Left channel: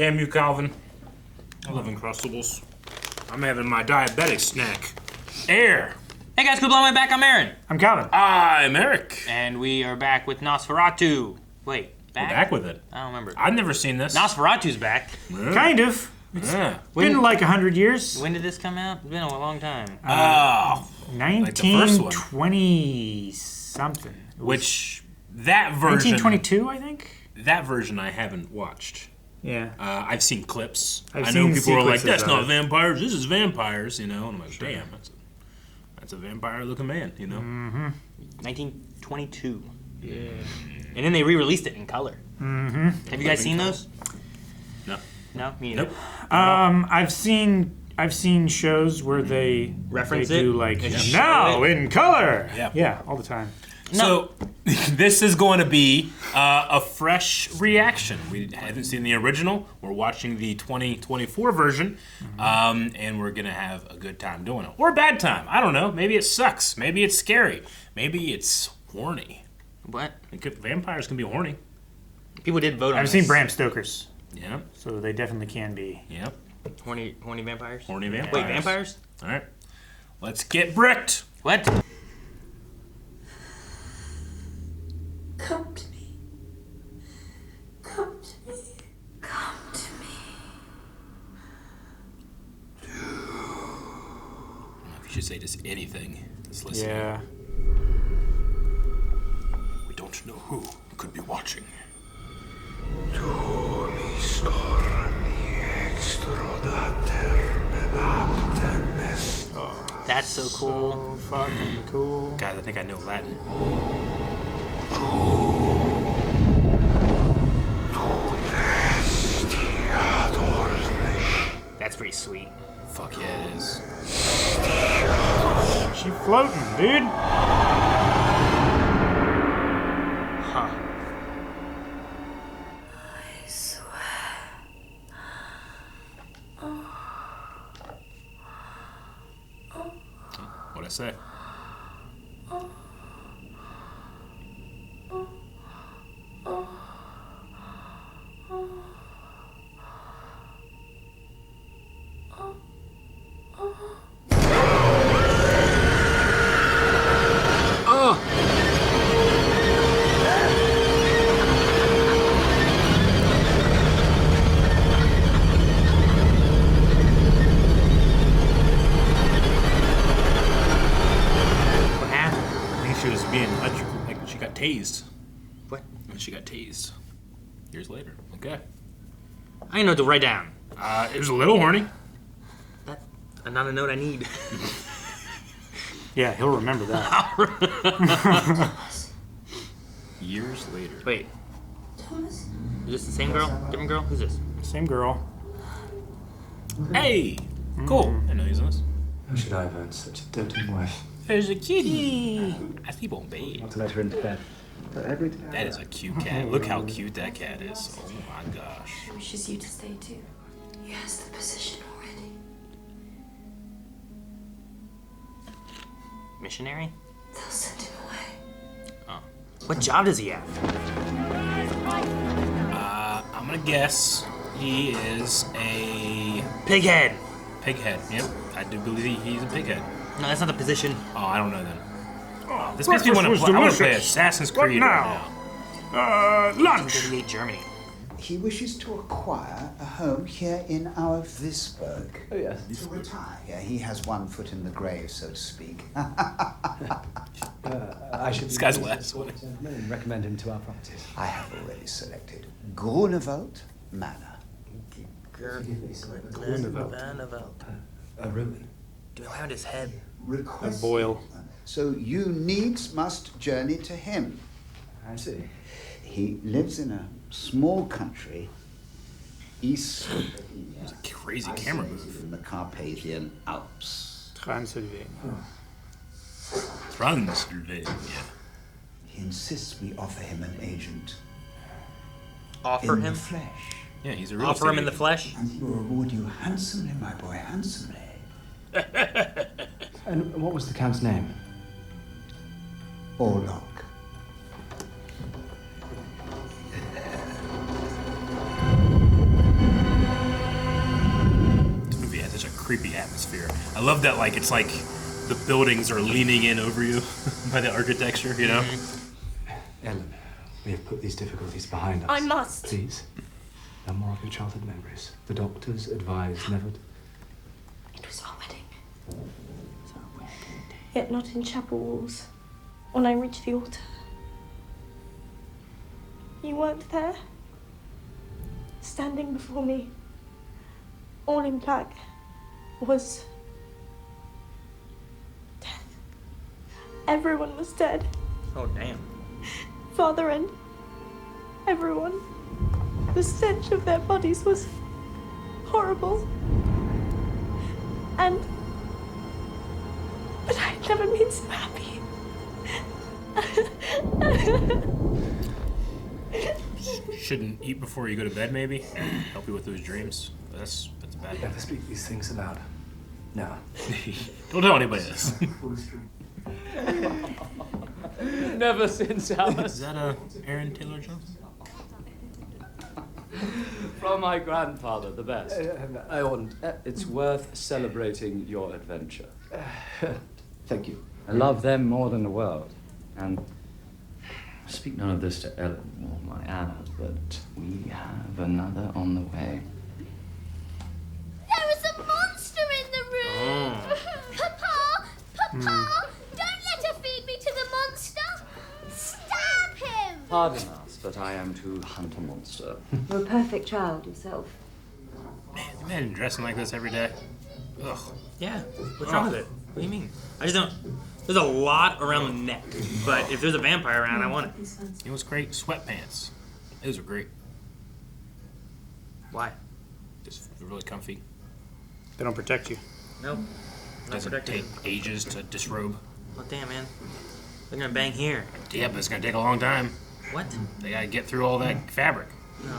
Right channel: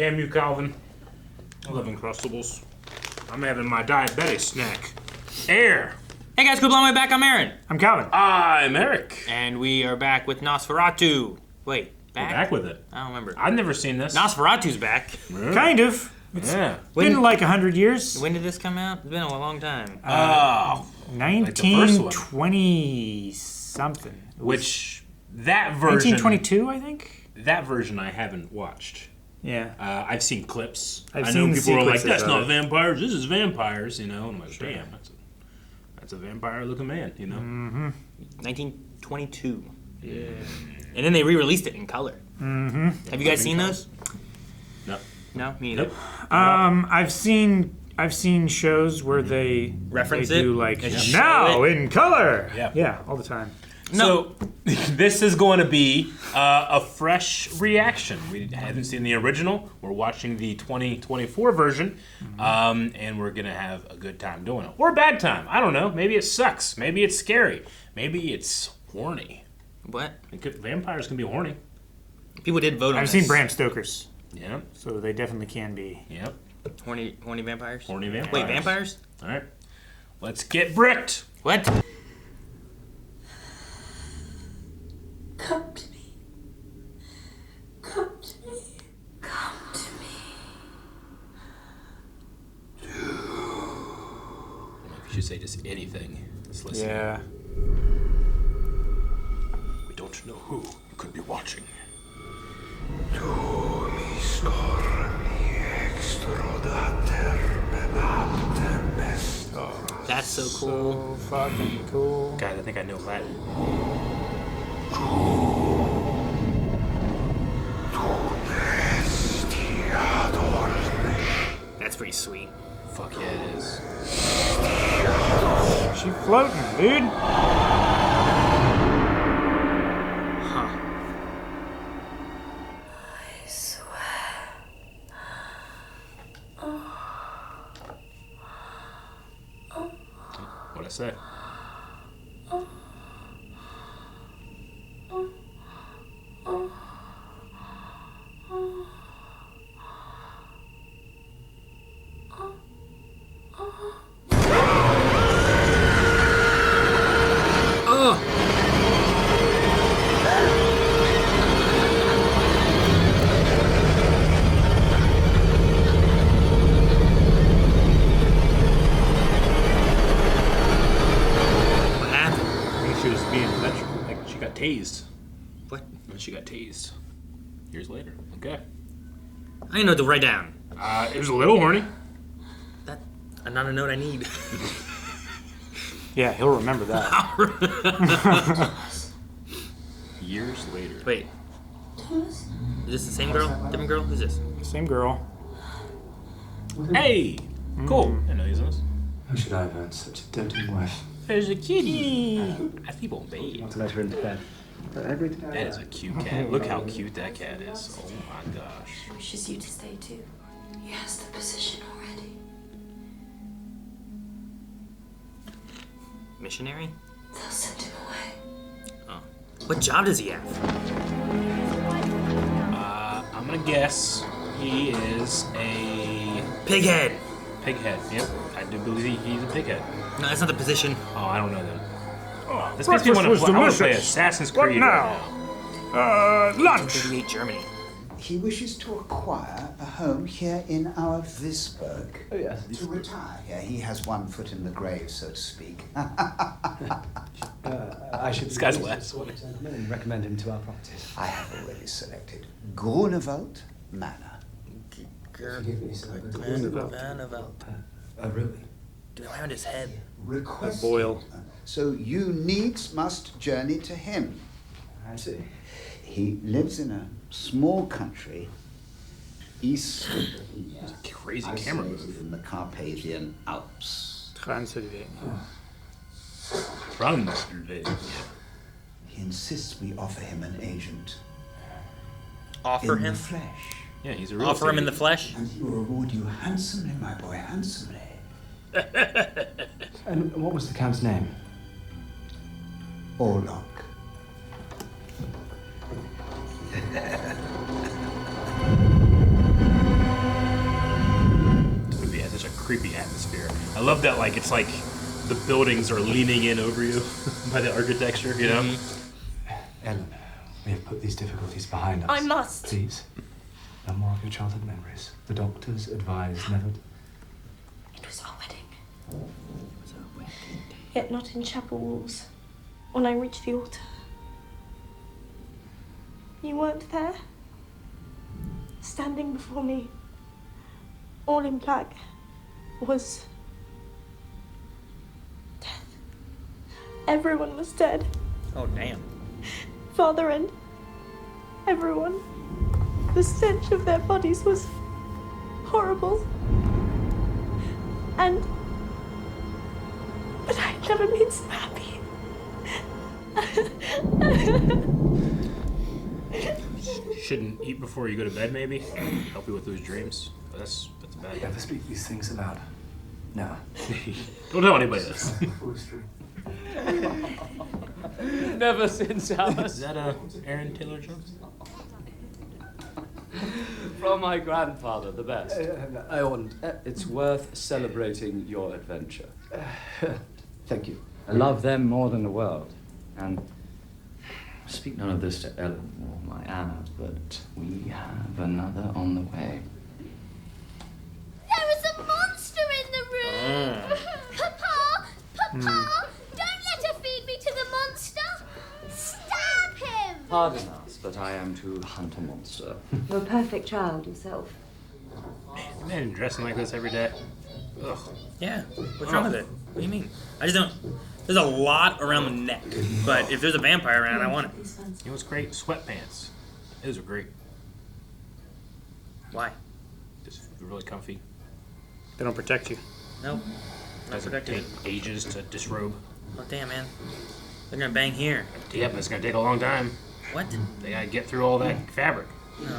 Damn you, Calvin. I love Uncrustables. I'm having my diabetic snack. Air. Hey guys, quit blowing my back. I'm Aaron. I'm Calvin. I'm Eric. And we are back with Nosferatu. Wait, We're back with it. I don't remember. I've never seen this. Nosferatu's back. Really? Kind of. It's Yeah. been like 100 years. When did this come out? It's been a long time. 1920 something. Which, that version... 1922, I think? That version I haven't watched. Yeah. I've seen clips. I've I know seen people are like, sequences that's of not it. vampires, this is vampires, you know? And I'm like, damn, that's a vampire-looking man, you know? Mm-hmm. 1922. Yeah. And then they re-released it in color. Mm-hmm. Have you guys seen those? No. No? Me either. Nope. I've seen shows where they Reference they do it? like Yeah. now in color. Yeah. Yeah, all the time. So, this is going to be a fresh reaction. We haven't seen the original. We're watching the 2024 version, and we're going to have a good time doing it. Or a bad time. I don't know. Maybe it sucks. Maybe it's scary. Maybe it's horny. What? Vampires can be horny. People did vote on I've this. seen Bram Stoker's, Yep. so they definitely can be. Yep. Horny vampires? Horny vampires. Wait, vampires? All right. Let's get bricked. What? Come to me. Come to me. Come to me. You should say just anything. Just listen. Yeah. We don't know who could be watching. That's so cool. So fucking cool. God, I think I know Latin. That's pretty sweet. Fuck yeah, it is. She floating, dude. Huh. I swear. What'd I say? What happened? I think she was being electrical. Like she got tased. What? When she got tased. Years later. Okay. I didn't know what to write down. It was a little horny. That's not a note I need. Yeah, he'll remember that. Years later. Wait, Thomas? is this the same girl? Different girl? Who's this? Same girl. Hey! Cool. I know he's on this. How should I have earned such a doting wife? There's a kitty. I sleep on bed. Want to let her into bed. But every time. That is a cute cat. Look how cute that cat is. Oh my gosh. He wishes you to stay too. He has the position already. Missionary? They'll send him away. Oh. What job does he have? I'm gonna guess he is a Pighead. pighead. Yep. I do believe he's a pighead. No, that's not the position. Oh, I don't know then. Oh, this makes breakfast me want to was play. I want to play delicious. Assassin's What Creed now? right Lunch. We hate Germany. He wishes to acquire a home here in our Visberg. Oh, yes. To retire here. He has one foot in the grave, so to speak. I should This be guy's pleased last to one. and recommend him to our properties. I have already selected Grunewald Manor. Forgive me, sir. Really? Around his head. Request. Boil. So you needs must journey to him. I see. He lives in a small country east of Crazy camera move. in the Carpathian Alps. Transylvania. Transylvania. He insists we offer him an agent Offer in him? the flesh. Yeah, he's a real Offer him in the estate flesh? And he will reward you handsomely, my boy, handsomely. And what was the Count's name? Orlok. creepy atmosphere. I love that, like, it's like the buildings are leaning in over you by the architecture, you know? Ellen, we have put these difficulties behind us. I must. Please. No more of your childhood memories. The doctors advise never... It was our wedding. Yet not in chapel walls. When I reached the altar. You weren't there. Standing before me, all in black, was death. Everyone was dead. Oh, damn. Father and everyone. The stench of their bodies was horrible. But I'd never been so happy. Shouldn't eat before you go to bed, maybe? Help you with those dreams. That's a bad thing. Never speak these things aloud. No. Don't tell anybody this. Never since I Is was that Aaron Taylor Johnson? from my grandfather, the best. I want. It's worth celebrating your adventure. Thank you. I love them more than the world, and speak none of this to Ellen or my Anna, but we have another on the way. There is a monster in the room! Papa! Papa! Don't let her feed me to the monster! Stab him! Pardon us, but I am to hunt a monster. You're a perfect child yourself. Men dressing like this every day. Ugh. Yeah. What's wrong with it? What do you mean? I just don't. There's a lot around the neck, but if there's a vampire around, I want it. You know what's great? Sweatpants. Those are great. Why? Just really comfy. They don't protect you. No. Doesn't take ages to disrobe. Oh, damn, man. They're gonna bang here. Yeah, but it's gonna take a long time. What? They gotta get through all that fabric. No.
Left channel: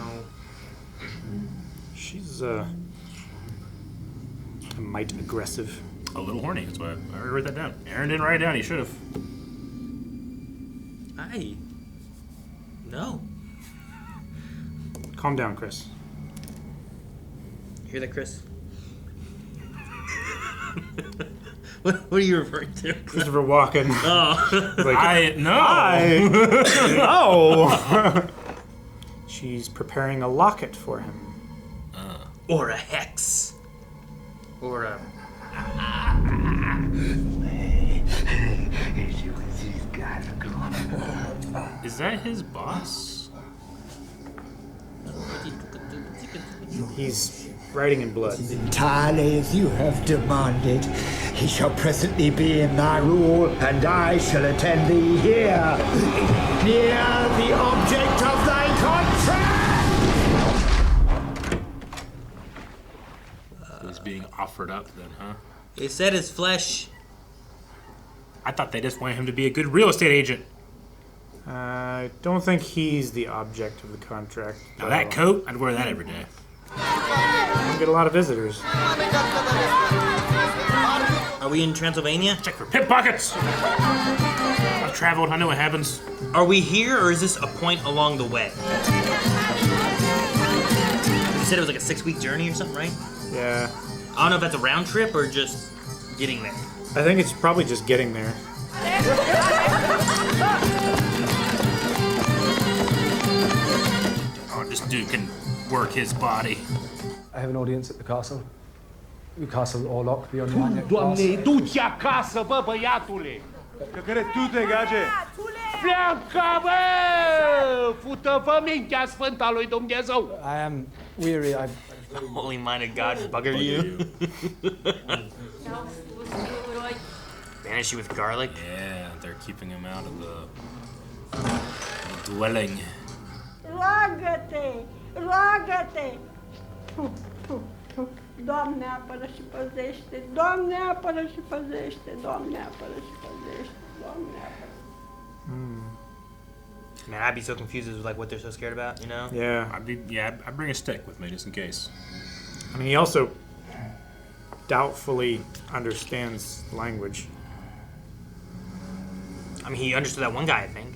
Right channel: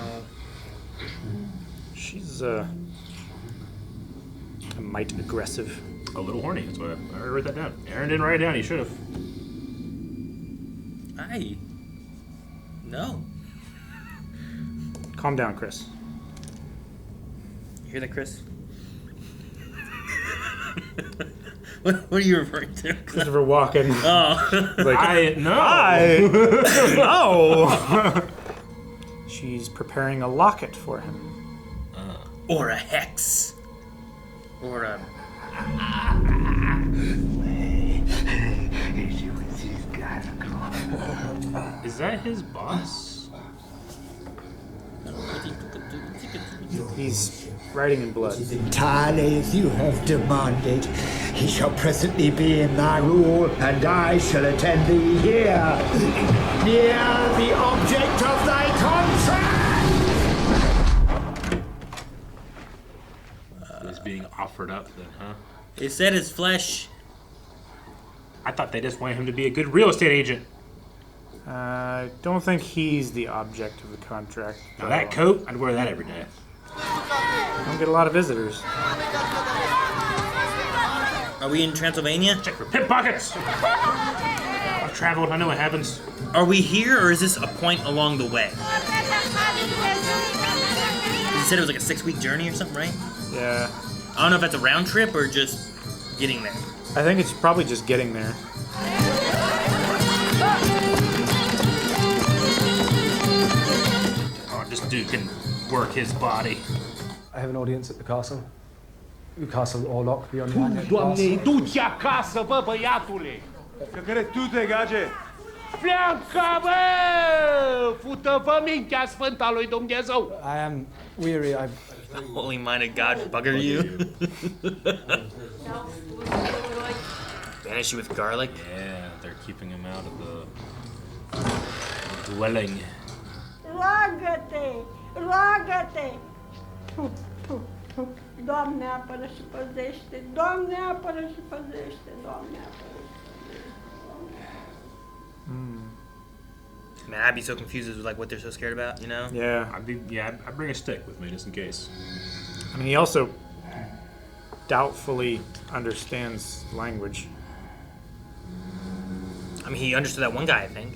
She's a mite aggressive. A little horny. That's why I already wrote that down. Aaron didn't write it down. He should have. No. Calm down, Chris. You hear that, Chris? What are you referring to? Christopher Walken. Oh. Like, No. She's preparing a locket for him. Or a hex. Or a... Is that his boss? He's writing in blood. Entirely as you have demanded. He shall presently be in thy rule, and I shall attend thee here, near the object of thy contract! He's being offered up then, huh? They said his flesh. I thought they just wanted him to be a good real estate agent. I don't think he's the object of the contract. Now that coat, I'd wear that every day. Don't get a lot of visitors. Are we in Transylvania? Check for pickpockets. I've traveled. I know what happens. Are we here, or is this a point along the way? You said it was like a 6-week journey or something, right? Yeah. I don't know if that's a round trip or just getting there. I think it's probably just getting there. Oh, this dude can work his body. I have an audience at the castle. The castle Orlok beyond the Doamne, du-ți acasă, bă, băiatule! Că care tu te gage? Pleacă, bă! Fută-vă mintea sfântă a lui Dumnezeu! I am weary. Holy-minded God bugger you. Banish you with garlic? Yeah, they're keeping him out of the dwelling. Roagă-te! Roagă-te! Doamne, apără și păzește! Doamne, apără și păzește! Doamne, apără și păzește! Doamne. Man, I'd be so confused as like what they're so scared about, you know? Yeah. I'd bring a stick with me just in case. I mean, he also doubtfully understands language. I mean, he understood that one guy, I think.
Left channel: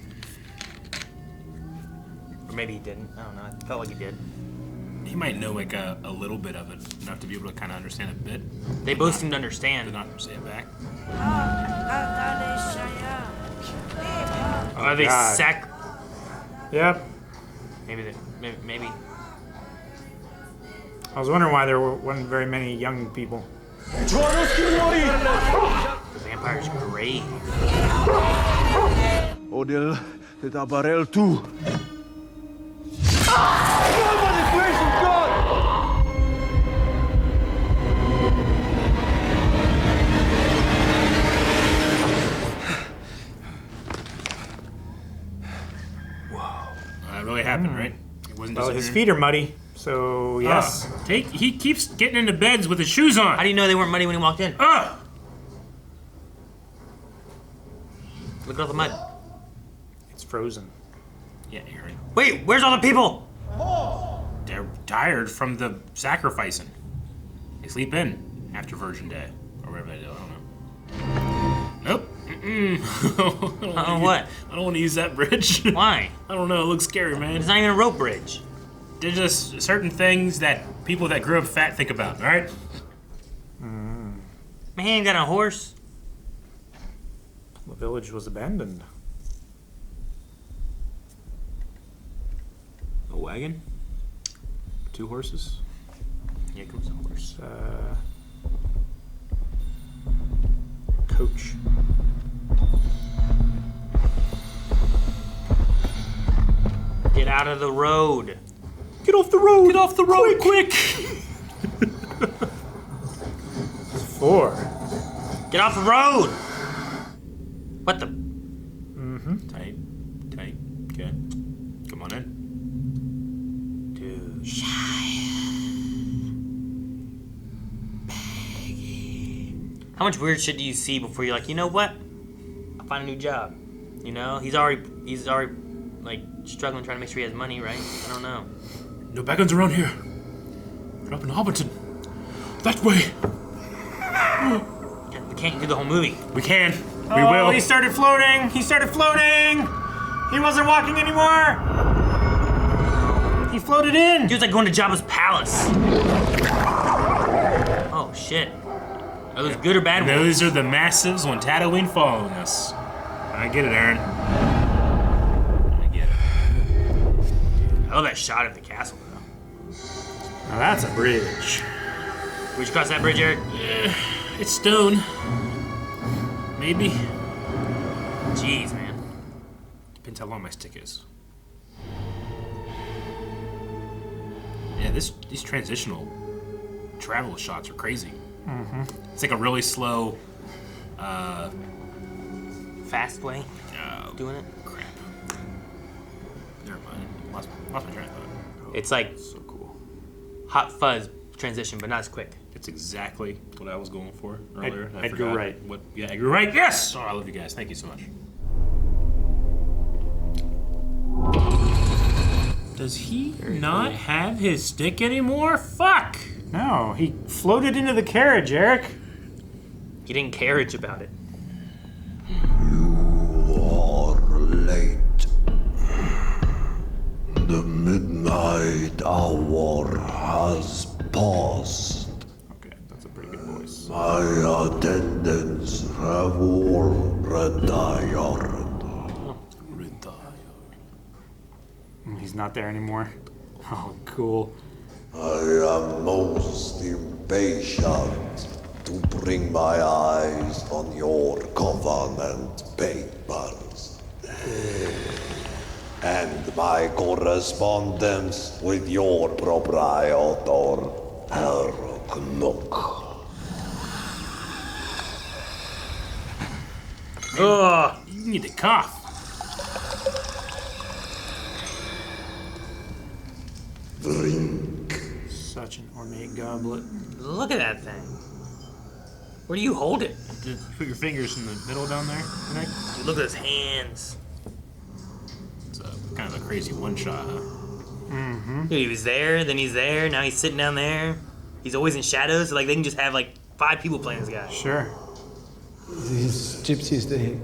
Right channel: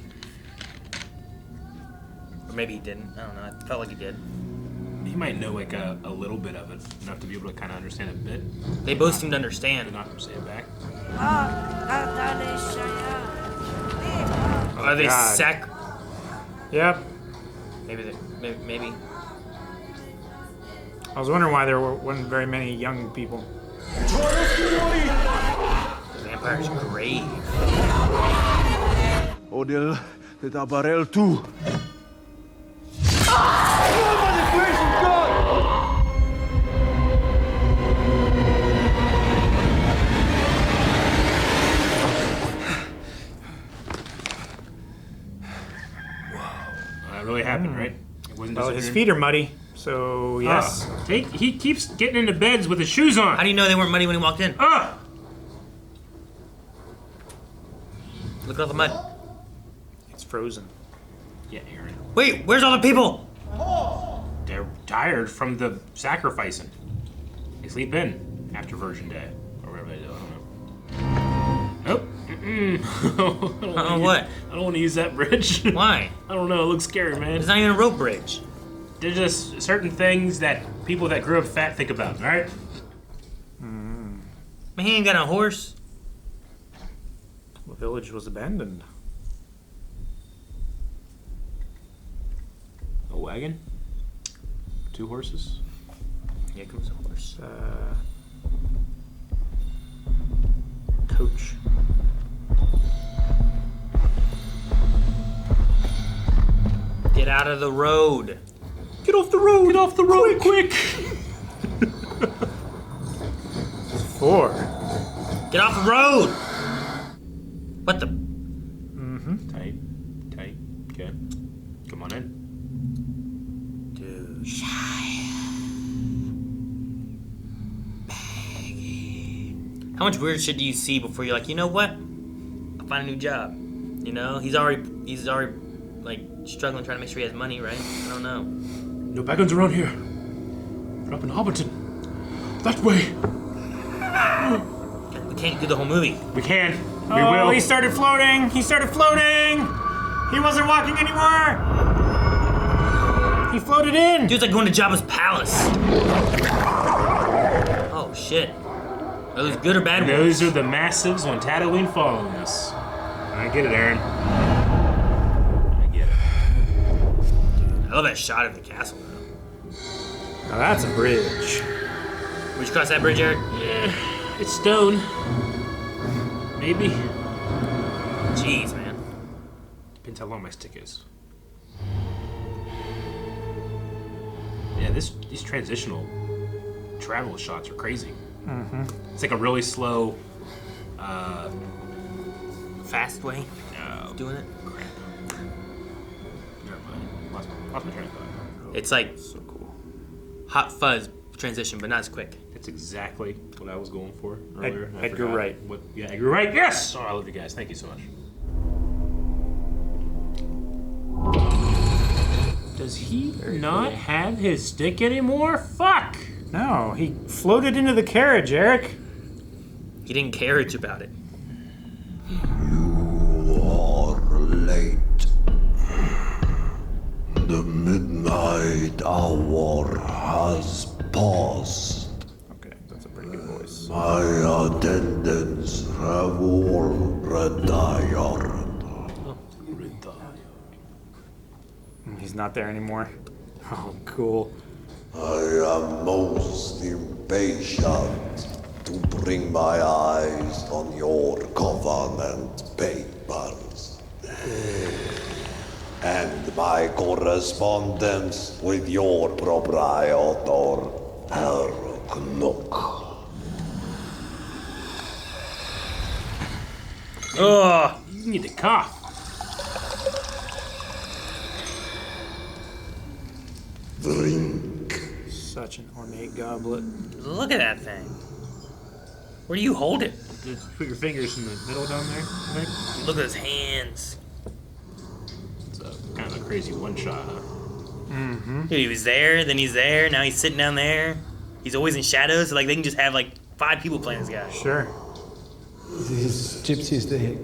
Or maybe he didn't. I don't know. I felt like he did. He He might know like a little bit of it, enough to be able to kind of understand a bit. They both seem to understand. But not say it back. Are they God. sac? Yep. Maybe. I was wondering why there wasn't very many young people. Vampires great. Odil, the Tabarel too. That really happened, right? It wasn't Well, just his feet are muddy, so yes. He keeps getting into beds with his shoes on. How do you know they weren't muddy when he walked in? Ah! Look at all the mud. It's frozen. Yeah, you're right. Wait, where's all the people? They're tired from the sacrificing. They sleep in after Virgin Day, or whatever they do. I don't know. Nope. What? I don't want to use that bridge. Why? I don't know. It looks scary, man. It's not even a rope bridge. There's just certain things that people that grew up fat think about, all right? Man, he ain't got a horse. The village was abandoned. A wagon? 2 horses? Here comes a horse. Coach. Get out of the road. Get off the road! Get off the road, quick! 4. Get off the road! What the? Mm-hmm. Tight. Okay. Come on in. How much weird shit do you see before you're like, you know what? I'll find a new job. You know, he's already like struggling trying to make sure he has money, right? I don't know. No beacons around here. They're up in Hobbiton. That way. We can't do the whole movie. We can. We will. He started floating! He started floating! He wasn't walking anymore! He floated in! Dude's like going to Jabba's palace. Oh shit. Are those good or bad And ones? those are the massives on Tatooine following us. I get it, Aaron. I love that shot of the castle, though. Now that's a bridge. Would you cross that bridge, Eric? Yeah, it's stone. Maybe. Jeez, man. Depends how long my stick is. Yeah, these transitional travel shots are crazy. Mm-hmm. It's like a really slow, Fast way of doing it. Crap. Never mind. Lost my train of thought. It's like So cool. Hot Fuzz transition, but not as quick. It's exactly what I was going for earlier. I Edgar forgot Wright. What? Yeah, Edgar Wright. Yes. Oh, I love you guys. Thank you so much. Does he not have his stick anymore? Fuck. No, he floated into the carriage, Eric. He didn't carriage about it. You are late. The midnight hour has passed. Okay, that's a pretty good voice. My attendants have all retired. He's not there anymore. Oh, cool. I am most impatient to bring my eyes on your covenant papers and my correspondence with your proprietor, Orlok. Oh, You need to cough. Drink. Such an ornate goblet. look at that thing. Where do you hold it? Just put your fingers in the middle down there. Right? Look at his hands. It's kind of a crazy one shot, huh? Mm-hmm. Dude, he was there, then he's there, now he's sitting down there. He's always in shadows, so like they can just have like 5 people playing this guy. Sure. These gypsies, they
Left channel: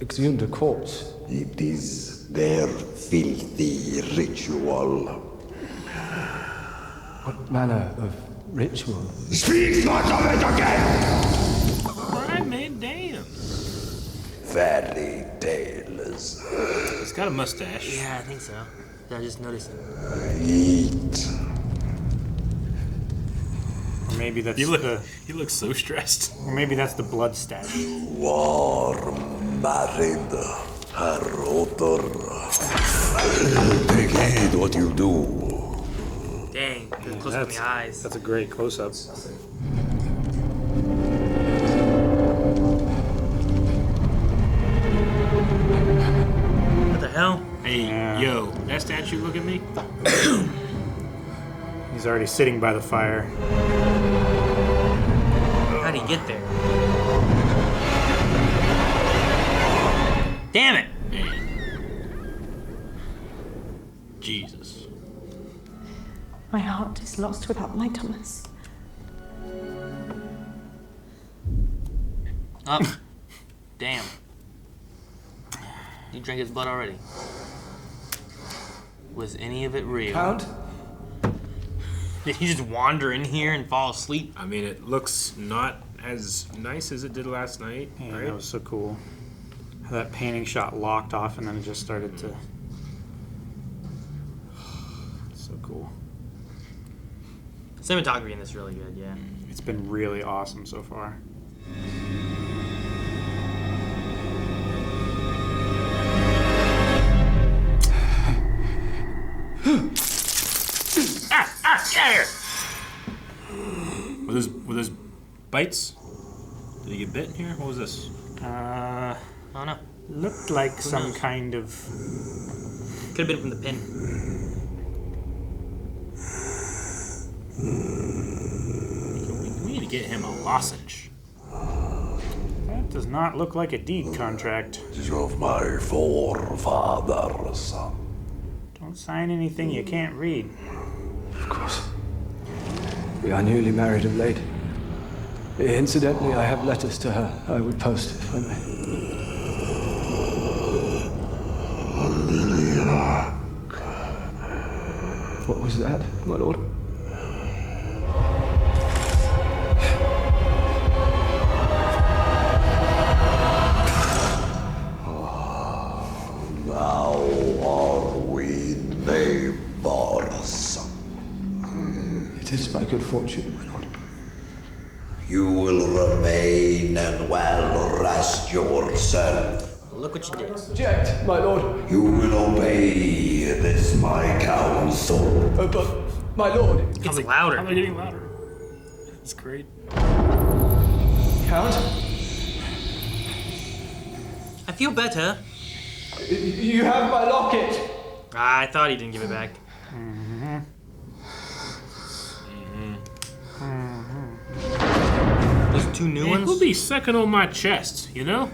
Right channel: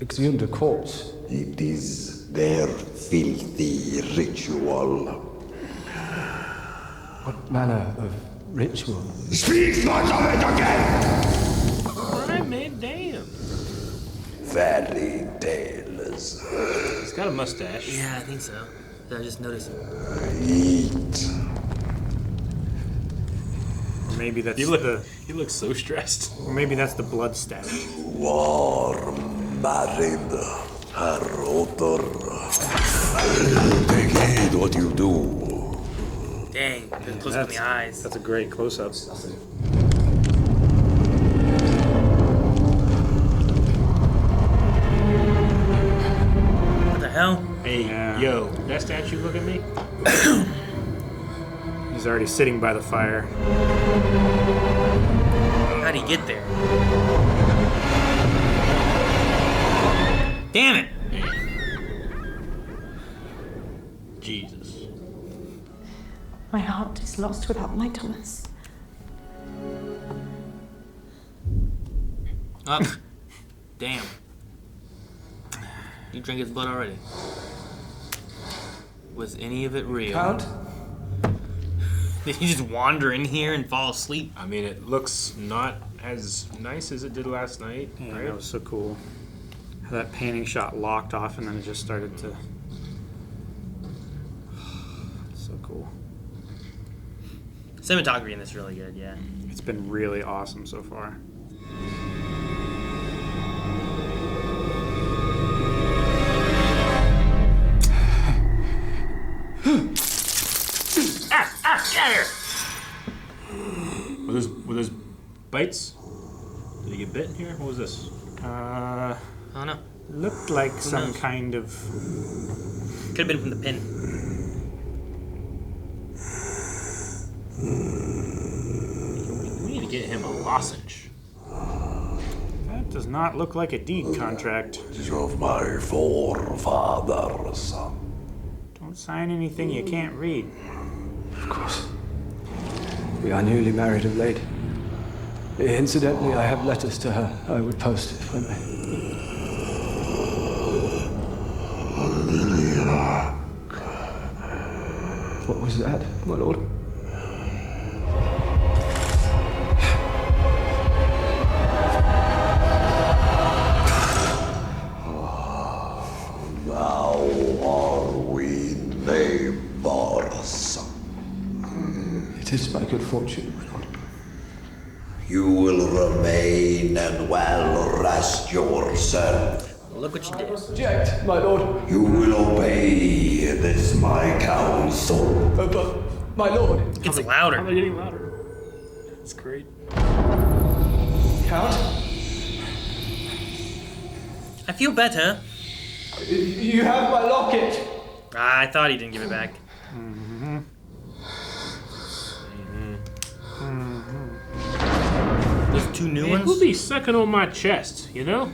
exhumed a corpse. It is their filthy ritual. What manner of ritual? Speak not of it again! Alright, man, damn. Fairy tales. He's got a mustache. Yeah, I think so. I just noticed it. Eat. Maybe that's He looks so stressed. Maybe that's the blood stash. Warm married her otter. Take heed what you do. Dang, they're close in the eyes. That's a great close-up. What the hell? Hey, yo, that statue look at me? He's already sitting by the fire. How'd he get there? Damn it! Jesus. My heart is lost without my Thomas. Oh, damn. You drank his blood already. Was any of it real? Count? Did he just wander in here and fall asleep? I mean, it looks not as nice as it did last night, Yeah, right? that was so cool. How that panning shot locked off and then it just started to... So cool. Cinematography in this is really good, yeah. It's been really awesome so far. Were those bites? Did he get bit in here? What was this? I don't know. Looked like some kind of... Could have been from the pin. We need to get him a lozenge. That does not look like a deed contract. It is of my forefathers. Don't sign anything you can't read. Of course. We are newly married of late. Incidentally, I have letters to her. I would post if I may. What was that, my lord? Now are we neighbors. It is my good fortune, my lord. You will remain and well rest yourself. Look what you did. Object, my lord. You will obey this my counsel. But, my lord. It's louder. How am I getting louder? That's great. Count? I feel better. You have my locket. I thought he didn't give it back. These two new ones? Who'll be sucking on my chest, you know?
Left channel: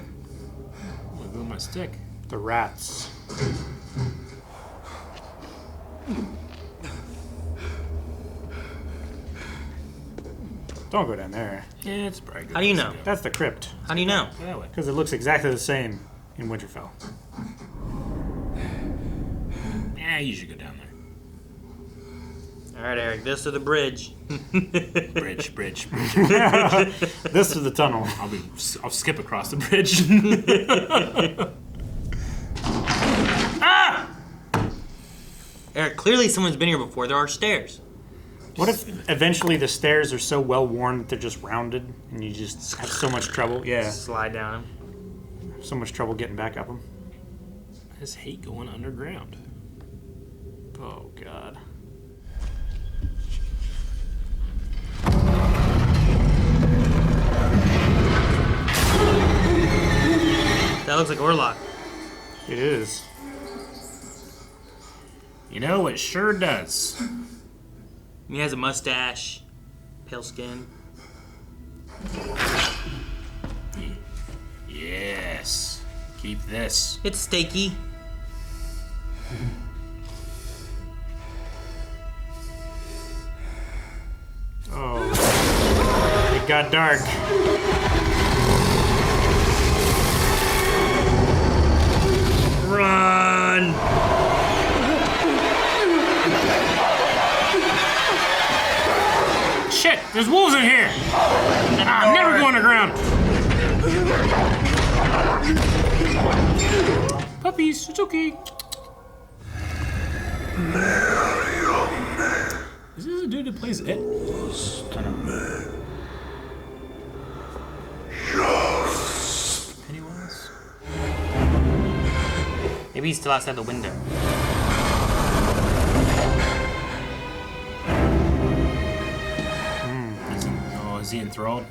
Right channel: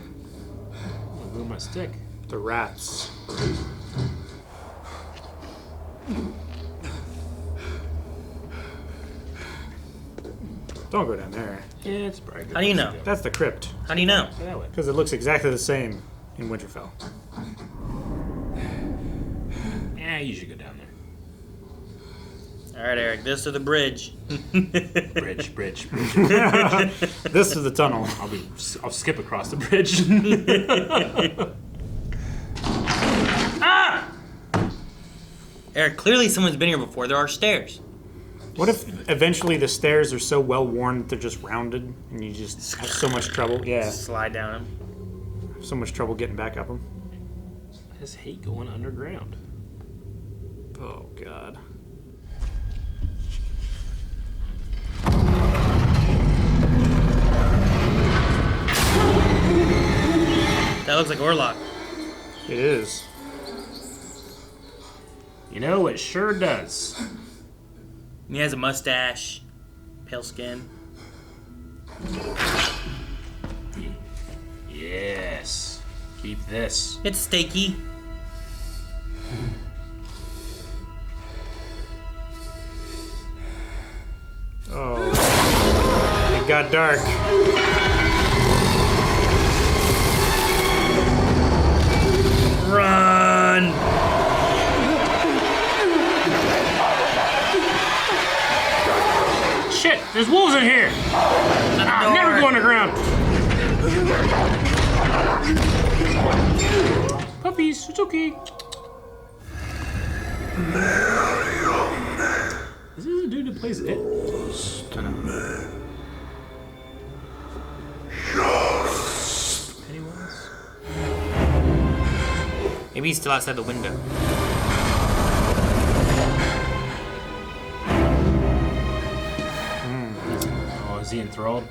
With my stick. The rats. Don't go down there. Yeah, it's probably good. How do you know? That's the crypt. How do you know? Because it looks exactly the same in Winterfell. Yeah, you should go down there. All right, Eric, this to the bridge. Bridge. This is the tunnel. I'll skip across the bridge. Ah! Eric, clearly someone's been here before. There are stairs. What if eventually the stairs are so well worn that they're just rounded and you just have so much trouble? Yeah. Slide down them. So much trouble getting back up them. I just hate going underground. Oh, God. That looks like Orlok. It is. You know, it sure does. He has a mustache, pale skin. Yes. Keep this. It's steaky. Oh. It got dark. Run! shit! There's wolves in here! I'm never going to ground! Puppies, it's okay. Is this the dude that plays it? Pennywise? Maybe he's still outside the window. Oh, is he enthralled?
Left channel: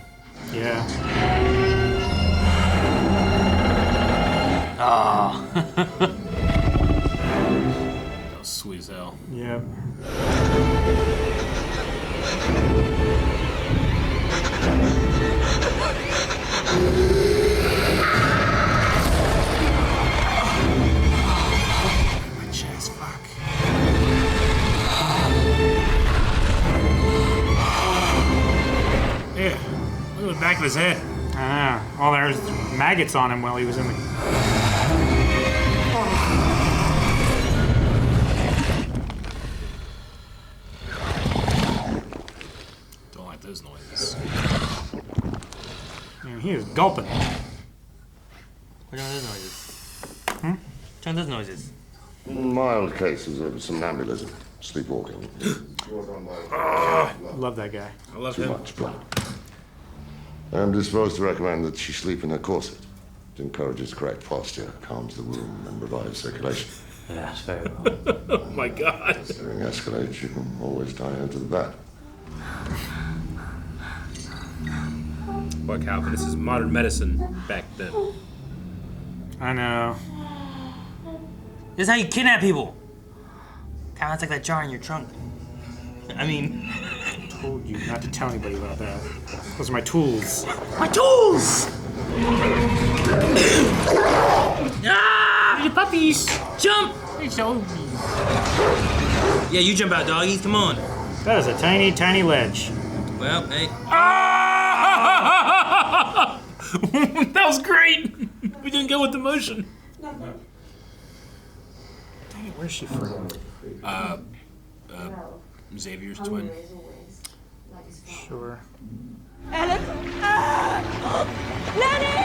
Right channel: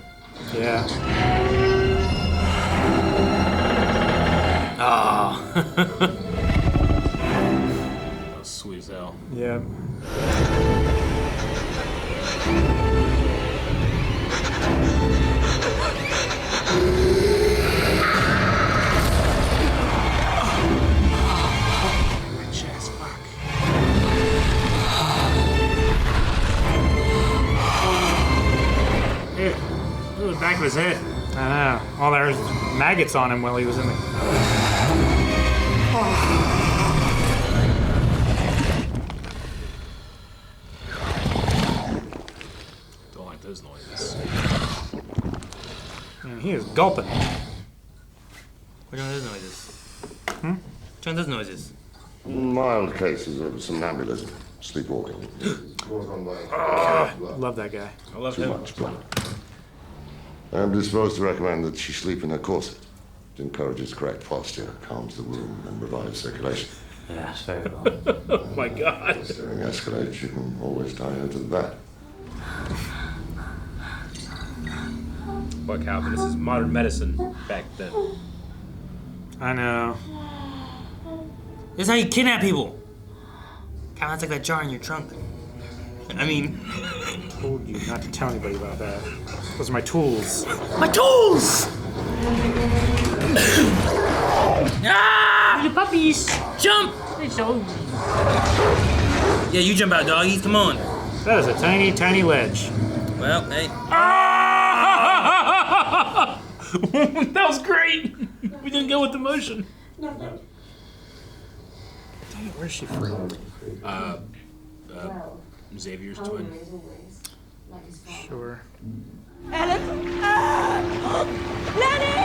Yeah. Oh. That was sweet as hell. Yeah. My chest, fuck. Yeah. Look at the back of his head. I know. Well, there was maggots on him while he was in the. Don't like those noises. And he is gulping. Which one of those noises? Which one of those noises? Mild cases of somnambulism, sleepwalking. Love that guy. I love Too him. much blood. I'm disposed to recommend that she sleep in a corset. It encourages correct posture, calms the womb, and revives circulation. Yes, very well. Oh my god. If the ring escalates, you can always tie her to the bed. Boy, Calvin, this is modern medicine back then. I know. This is how you kidnap people. Kind of like that jar in your trunk. I mean, I told you not to tell anybody about that. Those are my tools. my tools! Ah! The puppies! Jump! So... Yeah, you jump out, doggies. Come on. That is a tiny, tiny ledge. Well, hey. That was great! We didn't go with the motion. Where's she from? Xavier's twin. Sure. Ellen! Lenny!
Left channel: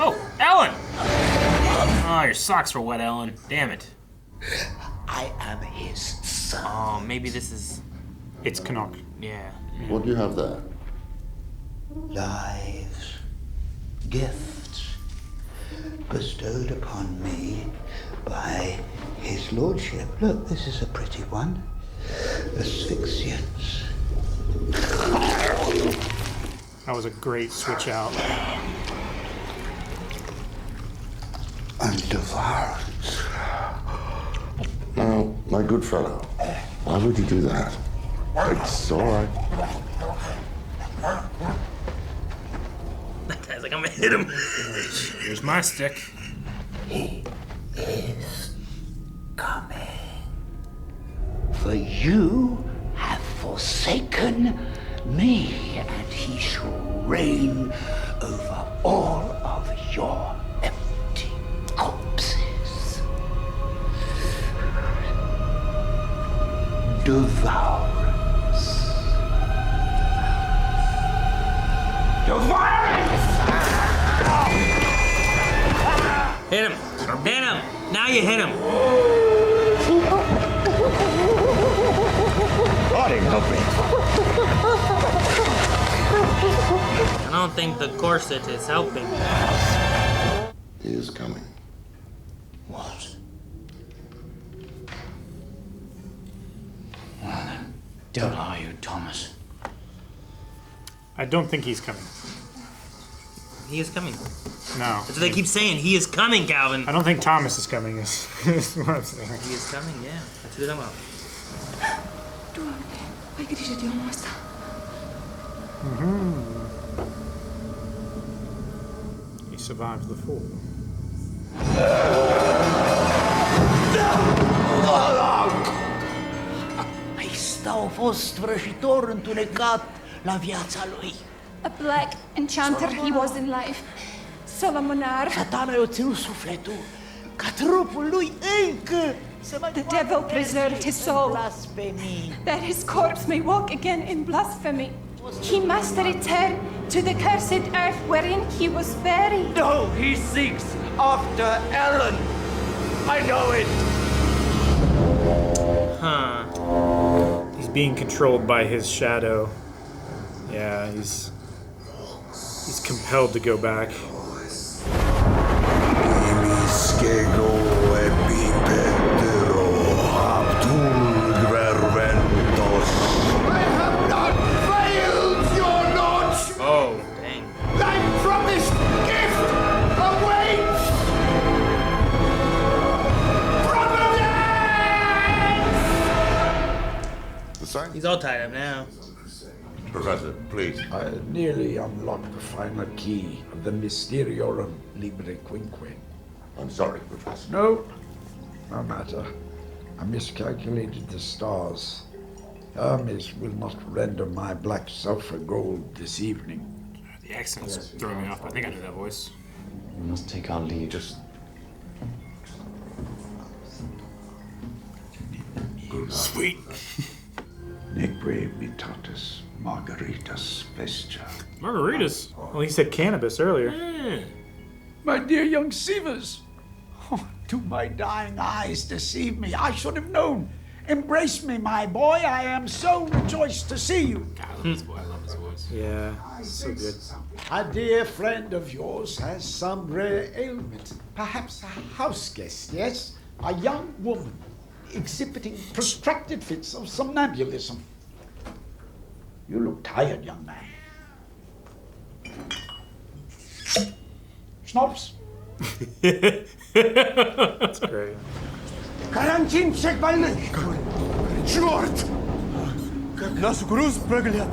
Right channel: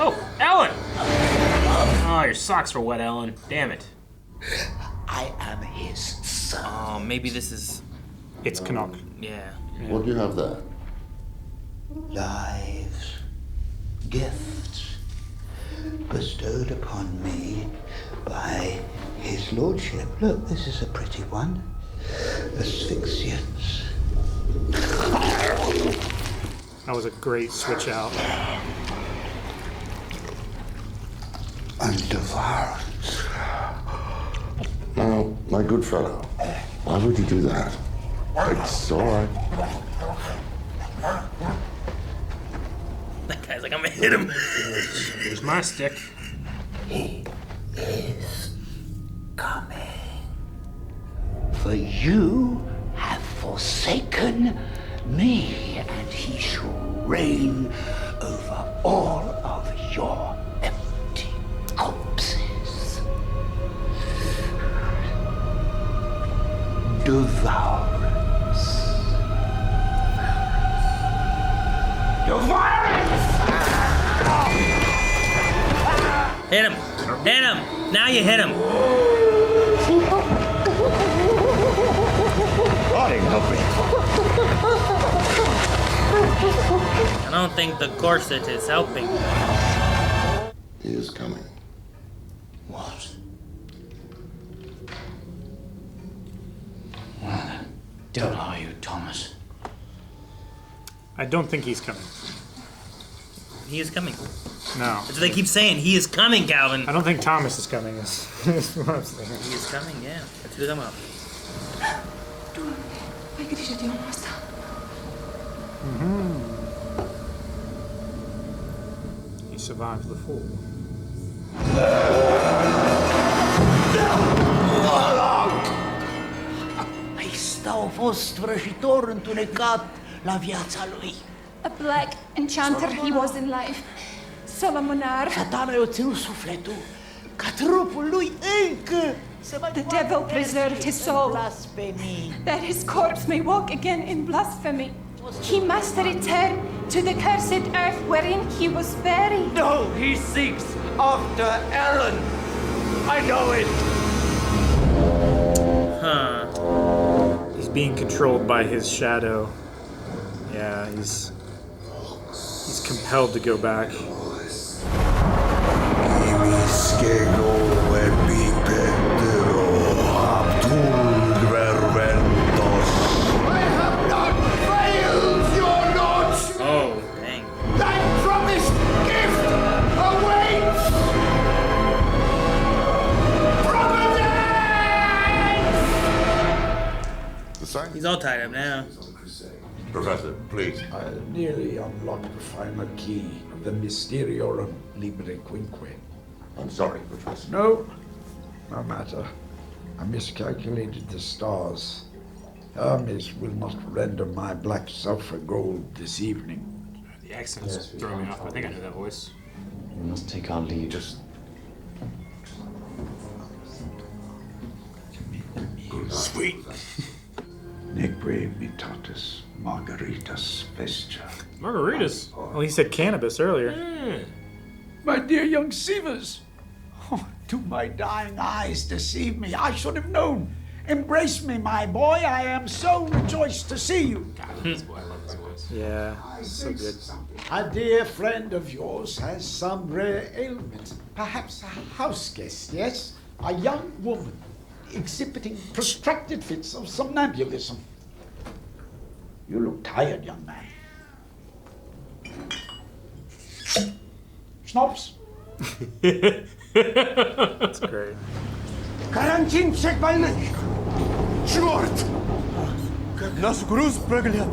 Oh, Ellen! Oh, your socks were wet, Ellen. Damn it. I am his son. Oh, maybe this is. It's Canuck. Yeah. What do you have there? Lives, gifts, bestowed upon me by his lordship. Look, this is a pretty one. Asphyxiants. That was a great switch out. And devourance. Now, my good fellow, why would you do that? It's all right. That guy's like, I'm gonna hit him. Here's my stick. He is coming. For you have forsaken me, and he shall reign over all of your empty corpses. Devourance. Devourance! Hit him. Hit him. Now you hit him. Body, help me. I don't think the corset is helping. He is coming. What? What the devil are you, Thomas? I don't think he's coming. He is coming. No. So they keep saying he is coming, Calvin. I don't think Thomas is coming. Is what I'm saying. He is coming, yeah. Let's do them up. Doamne, ai grijă de omul ăsta. He survived the fall. Ăsta a fost vrăjitor întunecat la viața lui. A black enchanter he was in life. Solomonar. Satana i-a ținut sufletul, ca trupul lui încă The devil preserved his soul, that his corpse may walk again in blasphemy. He must return to the cursed earth wherein he was buried. No, he seeks after Ellen. I know it. He's being controlled by his shadow. Yeah, he's compelled to go back. I have not failed, your lordship. Oh, dang. Thy promised gift awaits. Providence! The sign? He's all tied up now. Professor, please. I nearly unlocked the final key of the Mysteriorum Libre Quinque. I'm sorry, Professor. No matter. I miscalculated the stars. Hermes will not render my black sulfur gold this evening. The accent's throwing me off. I think I know that voice. We must take our leave. Sweet. Neque mitatis margaritas vestia. Margaritas? Well, he said cannabis earlier. My dear young Sievers, do my dying eyes deceive me? I should have known. Embrace me, my boy. I am so rejoiced to see you. God, I love this boy. I love his voice. Yeah, so good. A dear friend of yours has some rare ailment. Perhaps a house guest, yes? A young woman exhibiting protracted fits of somnambulism. You look tired, young man. Schnapps? That's great. Карантин всех больных! Черт! Как нас груз проглядел!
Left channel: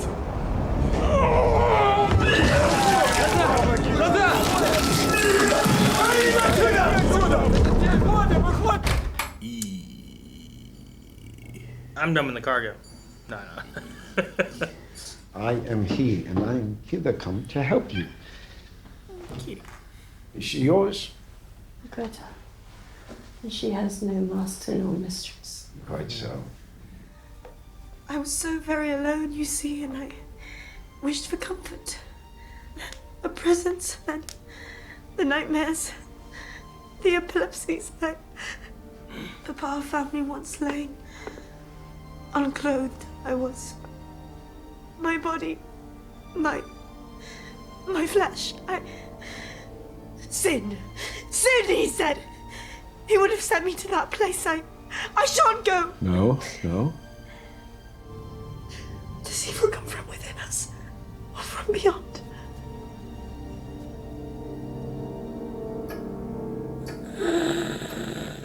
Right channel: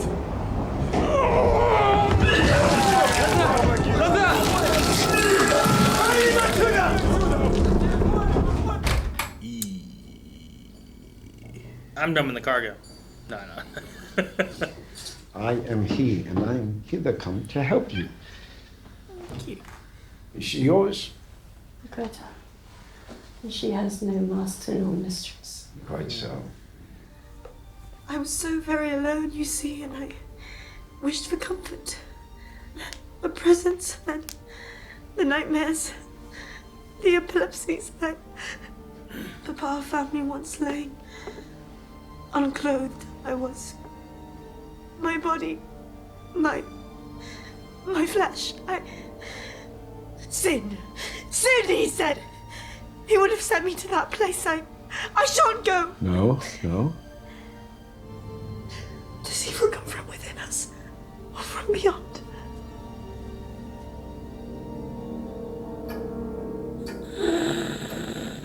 I'm dumping the cargo. No. I am he, and I am hither come to help you. Is she yours? Greta. And she has no master nor mistress. Quite so. I was so very alone, you see, and I wished for comfort. A presence, and the nightmares, the epilepsies. Papa found me once laying, unclothed I was. My body, my flesh, Sin, he said. He would have sent me to that place. I shan't go. No. Does evil come from within us or from beyond?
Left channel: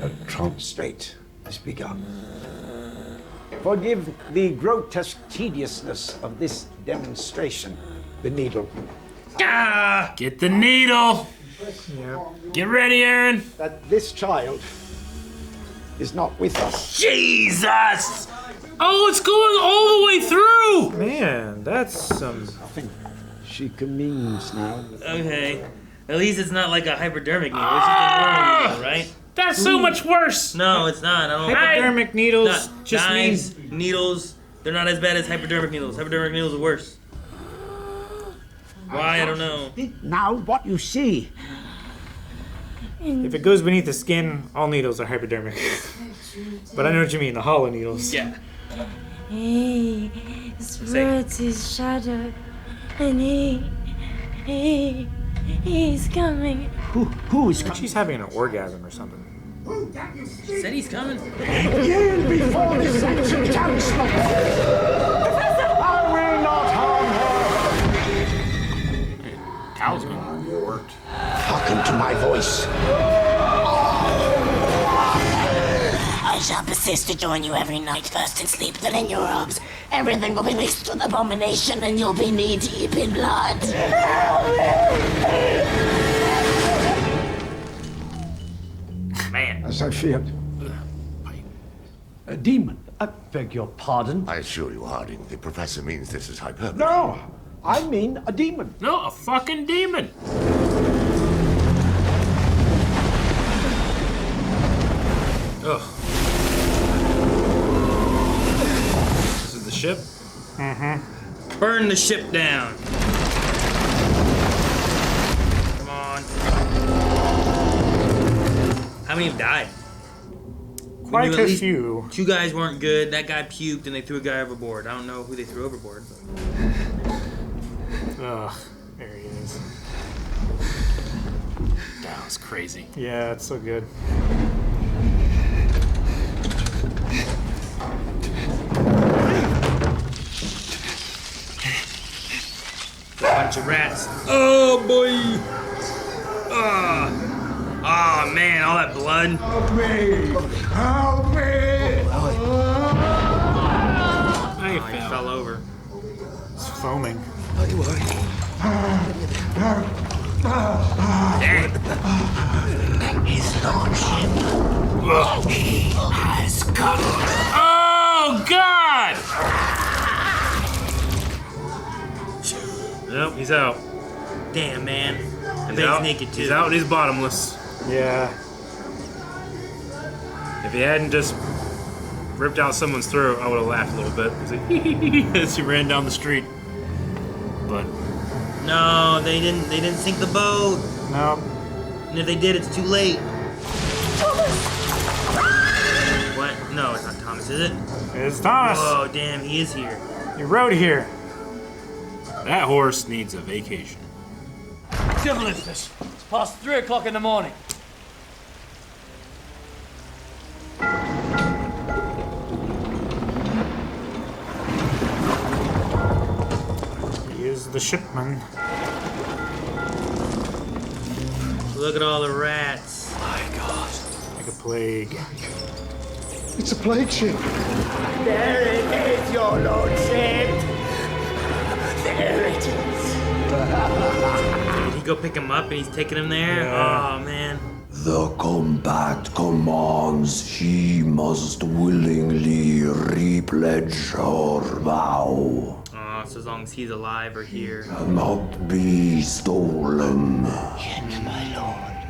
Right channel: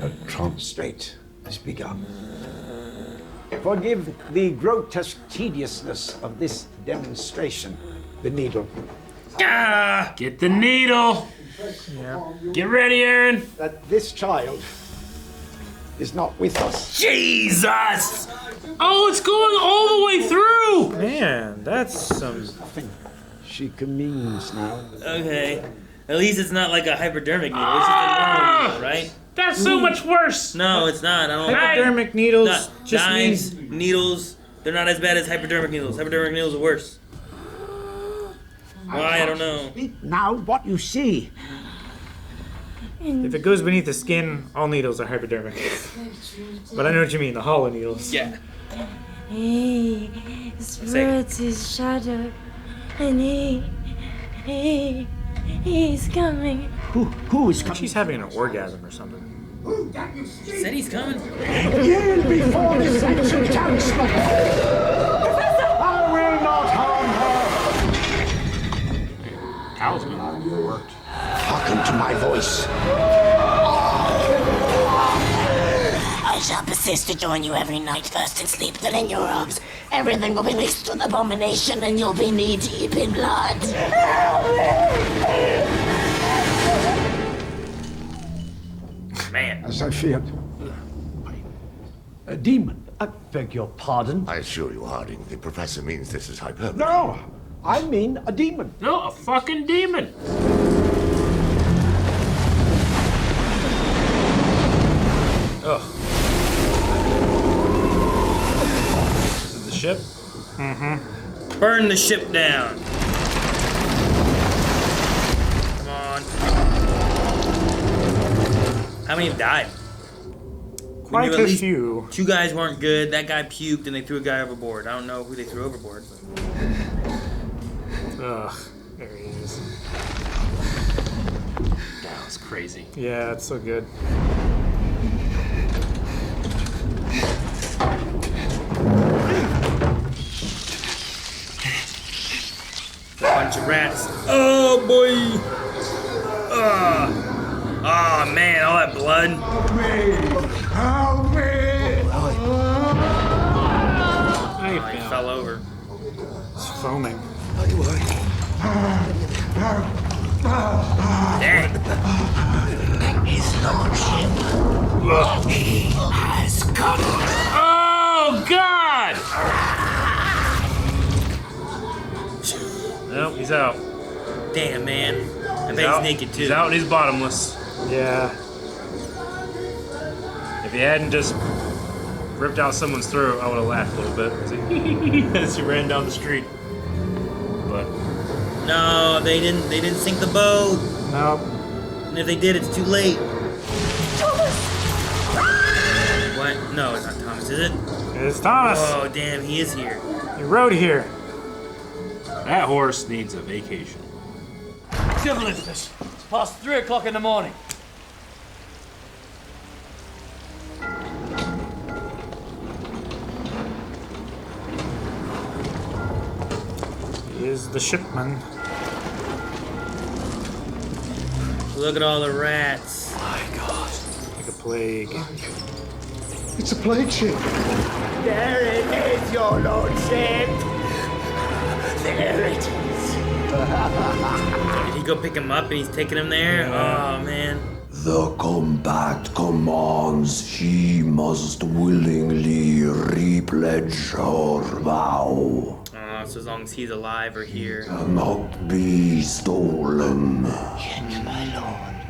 A trance state has begun. Forgive the grotesque tediousness of this demonstration. The needle. Get the needle. Yeah. Get ready, Aaron. That this child is not with us. Jesus! Oh, it's going all the way through! Man, that's some... Nothing she communes now. Okay. At least it's not like a hypodermic needle. It's just a normal needle, right? That's so much worse! No, it's not. I don't Hypodermic needles just knives, means... needles, they're not as bad as hypodermic needles. Hypodermic needles are worse. Why? I don't know. Now what you see. If it goes beneath the skin, all needles are hypodermic. But I know what you mean, the hollow needles. Yeah. He spreads his shadow, and he's coming. Who is coming? She's having an orgasm or something. Said he's coming. Yield before this ancient talisman. I will not harm her. Talisman worked. Hearken to my voice. I shall persist to join you every night, first in sleep, then in your arms. Everything will be mixed with abomination, and you'll be knee-deep in blood. Man. As I feared. A demon. I beg your pardon? I assure you, Harding, the professor means this is hyperbole. No, I mean a demon. No, a fucking demon. Ugh. ship? Mm-hmm. Burn the ship down. Come on. How many died? Quite a few. 2 guys weren't good. That guy puked and they threw a guy overboard. I don't know who they threw overboard. Ugh. There he is. That was crazy. Yeah, it's so good. Bunch of rats. Oh boy. Oh man, all that blood. Help me! Help me! I He fell over. It's foaming. Don't you worry. His lordship. He has come. Oh God! Nope, he's out. Damn, man. He's out. Naked too. He's out and he's bottomless. Yeah. If he hadn't just ripped out someone's throat, I would have laughed a little bit as he ran down the street. But No, they didn't sink the boat. No. And if they did, it's too late. Thomas! What? No, it's not Thomas, is it? It's Thomas. Oh, damn, he is here. He rode here. that horse needs a vacation. Devil is this? It's past 3 o'clock in the morning. He is the shipman. Look at all the rats. My God. The plague. It's a plague ship. There it is, your lordship. There it is. You go pick him up and he's taking him there? Oh, man. The combat commands she must willingly repledge her vow. Oh, so as long as he's alive or here. Cannot be stolen. Yet, my lord.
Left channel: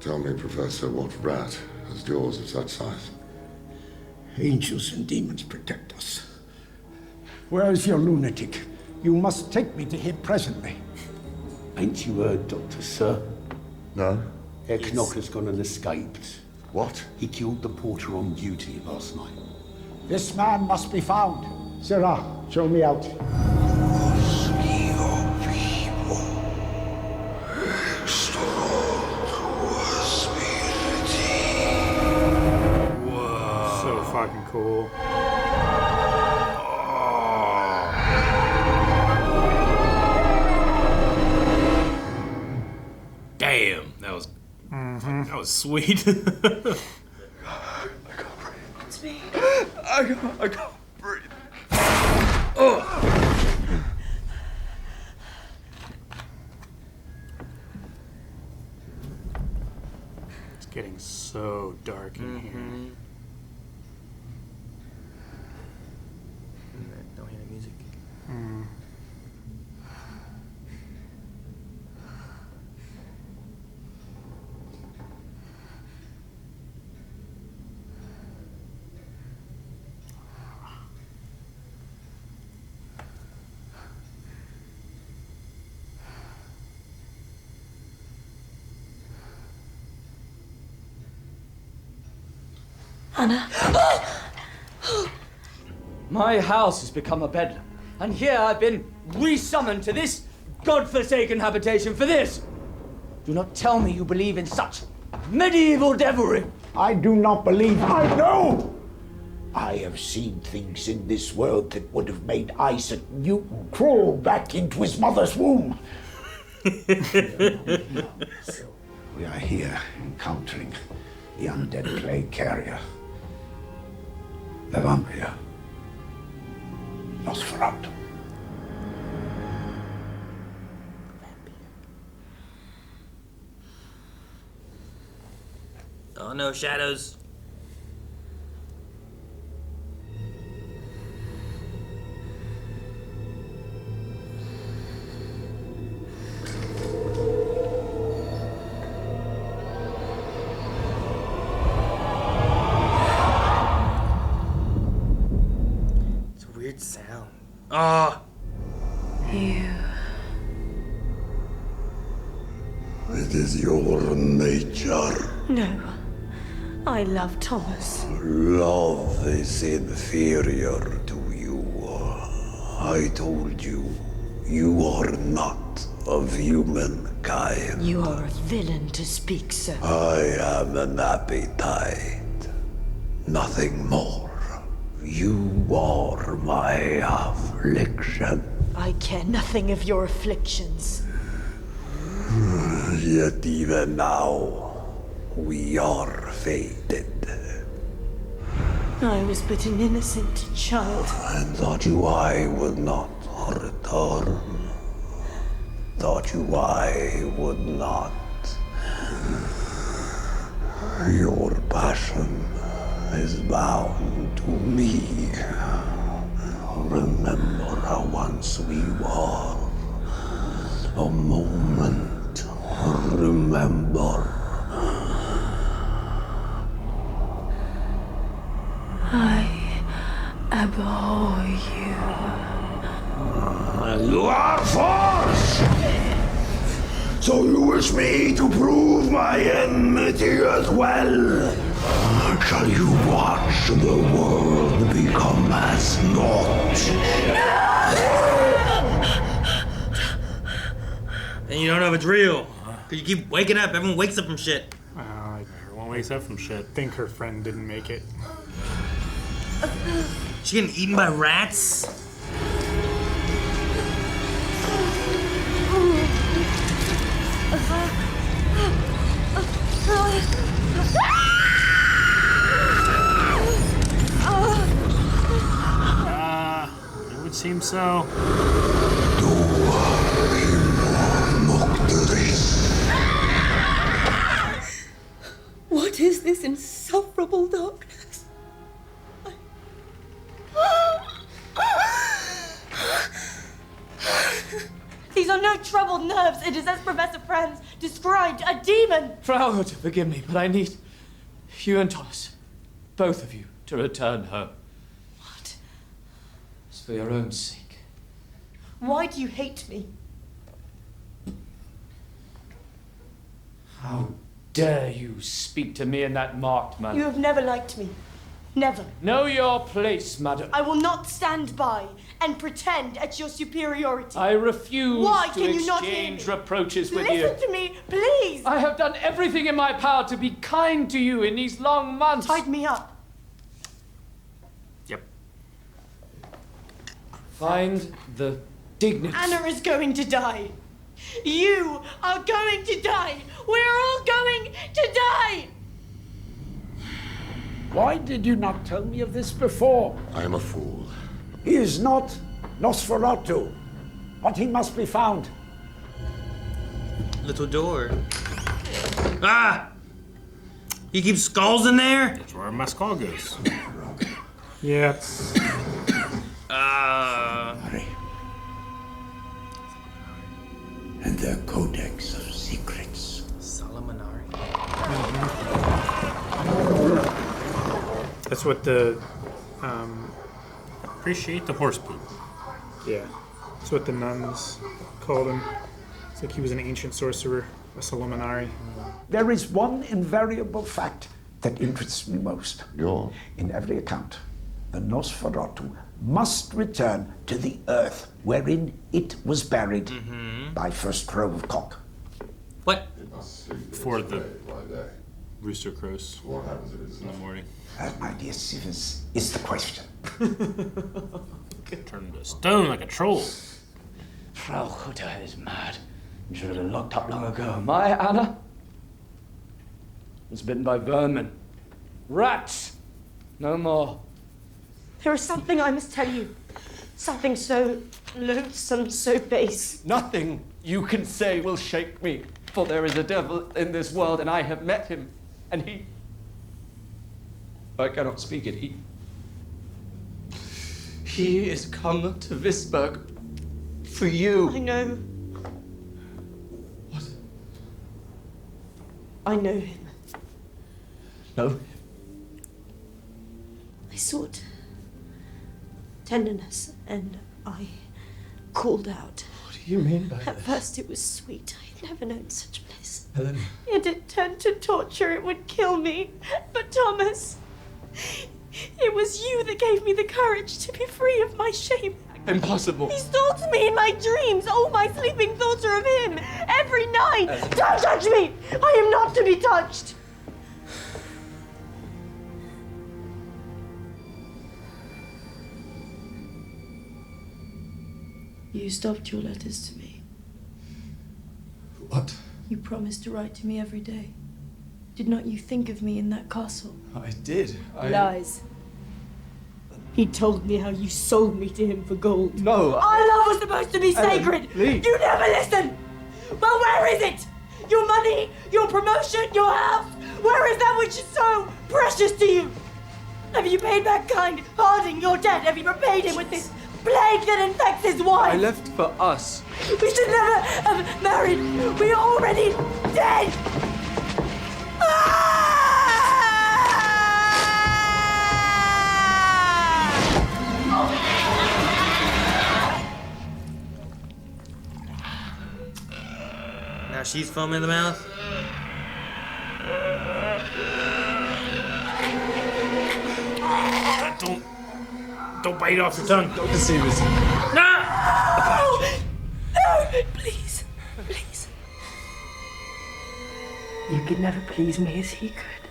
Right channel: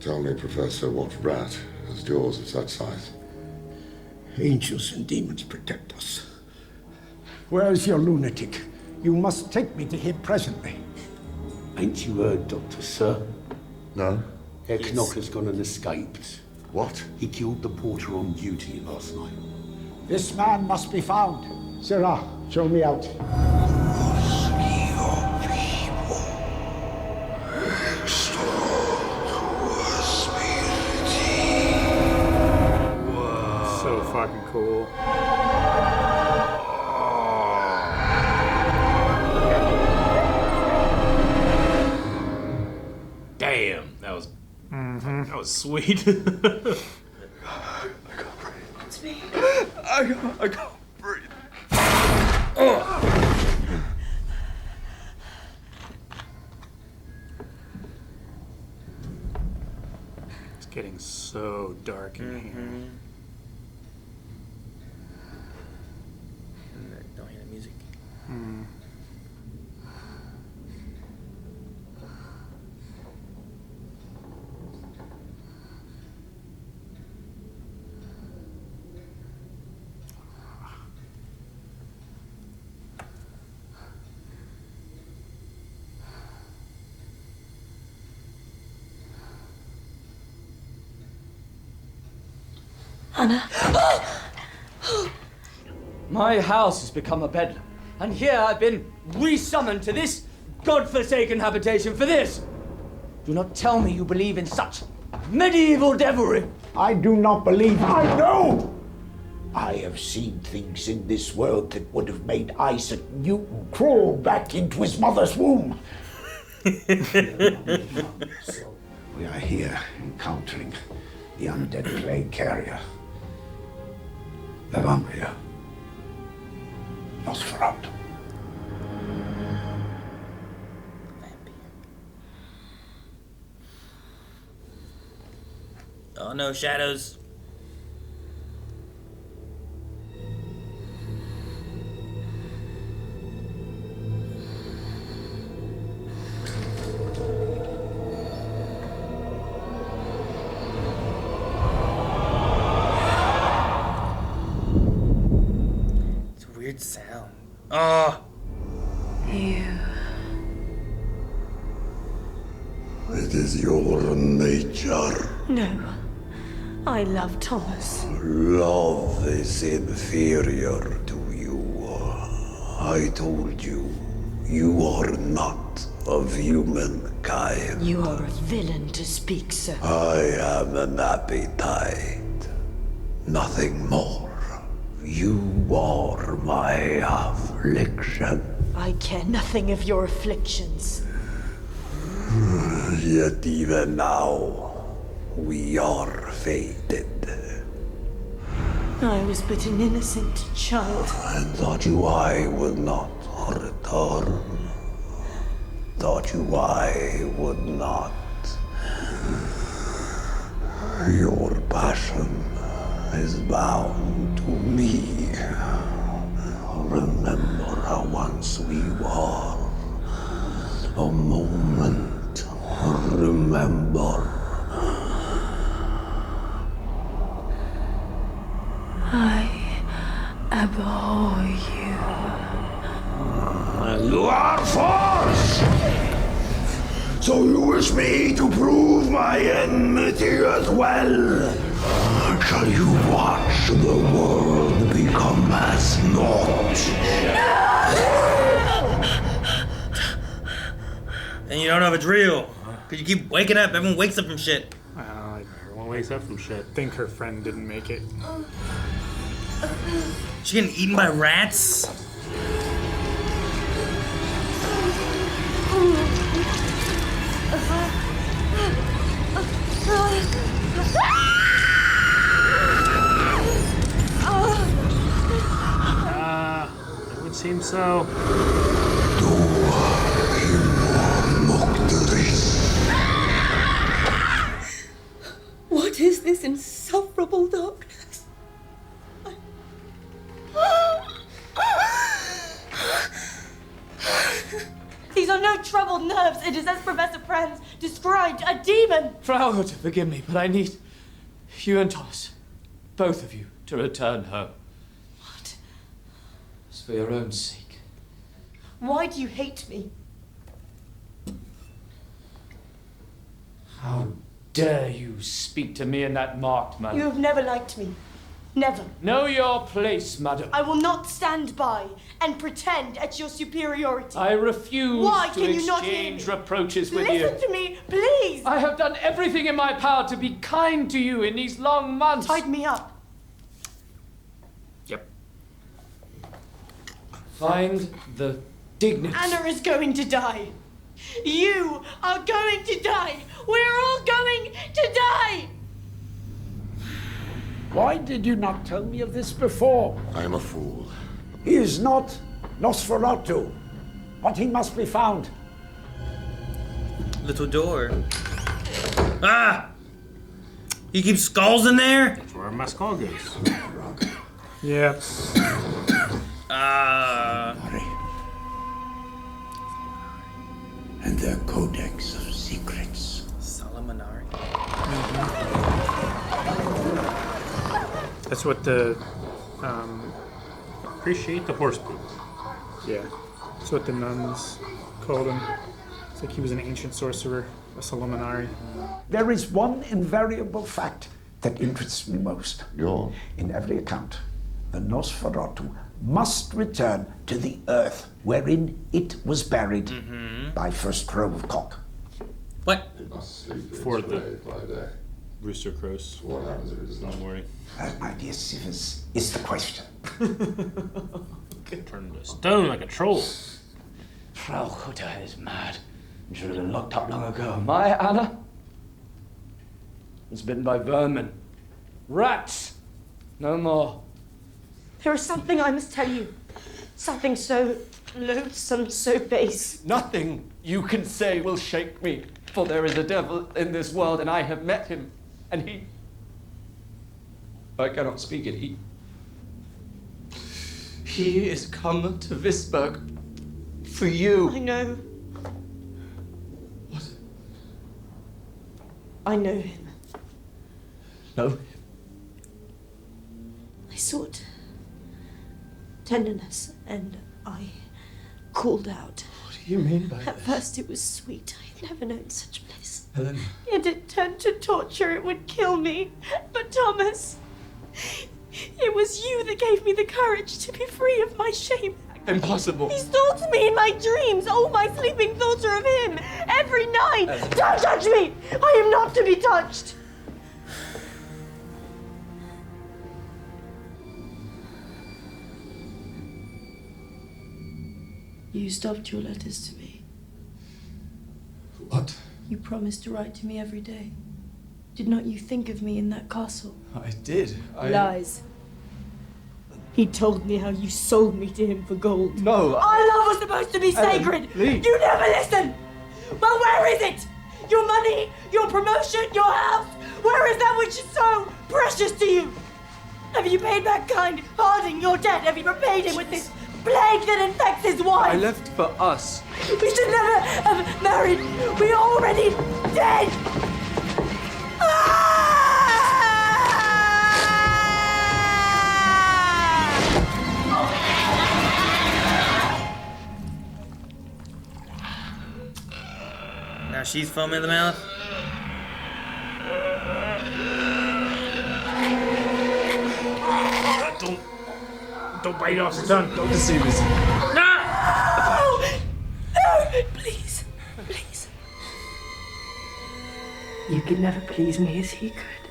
Tell me, Professor, what rat has jaws of such size? Angels and demons protect us. Where is your lunatic? You must take me to him presently. Ain't you heard, Doctor, sir? No. Herr Knocker's gone and escaped. What? He killed the porter on duty last night. This man must be found. Sirrah, show me out. So fucking cool. Damn, that was that was sweet. It's me. I can't breathe. It's getting so dark in here. Don't hear the music. Anna. My house has become a bedlam, and here I've been resummoned to this godforsaken habitation for this. Do not tell me you believe in such medieval devilry. I do not believe. I know! I have seen things in this world that would have made Isaac Newton crawl back into his mother's womb. We are here encountering the undead plague carrier. The vampire. Nosferatu. Oh no, shadows. You. It is your nature. No. I love Thomas. Love is inferior to you. I told you, you are not of humankind. You are a villain to speak so. I am an appetite, nothing more. You are my affliction. I care nothing of your afflictions. Yet even now, we are fated. I was but an innocent child. And thought you I would not return. Thought you I would not. Your passion is bound to me. Remember how once we were. A moment. Remember. I abhor you. You are false! So you wish me to prove my enmity as well? Shall you watch the world become as naught? And you don't know if it's real. Because you keep waking up. Everyone wakes up from shit. Everyone wakes up from shit. Think her friend didn't make it. She getting eaten by rats? It would seem so. What is this insufferable darkness? These are no troubled nerves. It is as Professor Franz described, a demon. Frau Hutter, forgive me, but I need you and Thomas, both of you, to return home. What? It's for your own sake. Why do you hate me? How dare you speak to me in that marked manner? You have never liked me. Never. Know your place, madam. I will not stand by and pretend at your superiority. I refuse Why to can you not hear exchange me? reproaches with you. Listen to me, please. I have done everything in my power to be kind to you in these long months. Tied me up. Yep. Find the dignity. Anna is going to die. You are going to die. We're all going to die. Why did you not tell me of this before? I am a fool. He is not Nosferatu, but he must be found. Little door. Ah! You keep skulls in there? That's where my skull goes. Yeah. And their codex of secrets. That's what the appreciate the horse poop. Yeah, that's what the nuns called him. It's like he was an ancient sorcerer, a Solomonari. There is one invariable fact that interests me most. Go on. In every account, the Nosferatu must return to the earth wherein it was buried by first crow of cock. What? For the rooster crows in the morning. That, my dear Sivers, is the question. Turned to stone like a troll. Frau Hutter is mad. You should have been locked up long ago. My Anna was bitten by vermin. Rats! No more. There is something I must tell you. Something so loathsome, so base. Nothing you can say will shake me, for there is a devil in this world, and I have met him, and he... I cannot speak it. He is come to Visberg for you. I know. What? I know him. No. I sought tenderness, and I called out. What do you mean by At this? first it was sweet. I had never known such bliss. Helen. Yet it turned to torture. It would kill me. But Thomas, it was you that gave me the courage to be free of my shame. Impossible. He stalks me in my dreams. All my sleeping thoughts are of him. Every night. Don't touch me! I am not to be touched. You stopped your letters to me. What? You promised to write to me every day. Did not you think of me in that castle? I did. Lies. He told me how you sold me to him for gold. No. Our love was supposed to be sacred. please. You never listen. Well, where is it? Your money, your promotion, your house. Where is that which is so precious to you? Have you paid back kind Harding your debt? Have you repaid him with this plague that infects his wife? I left for us. We should never have married. We are already dead. Now she's foaming in the mouth. Don't bite off the tongue. Don't deceive us. No! No! Please. Please. You could never please me as he could.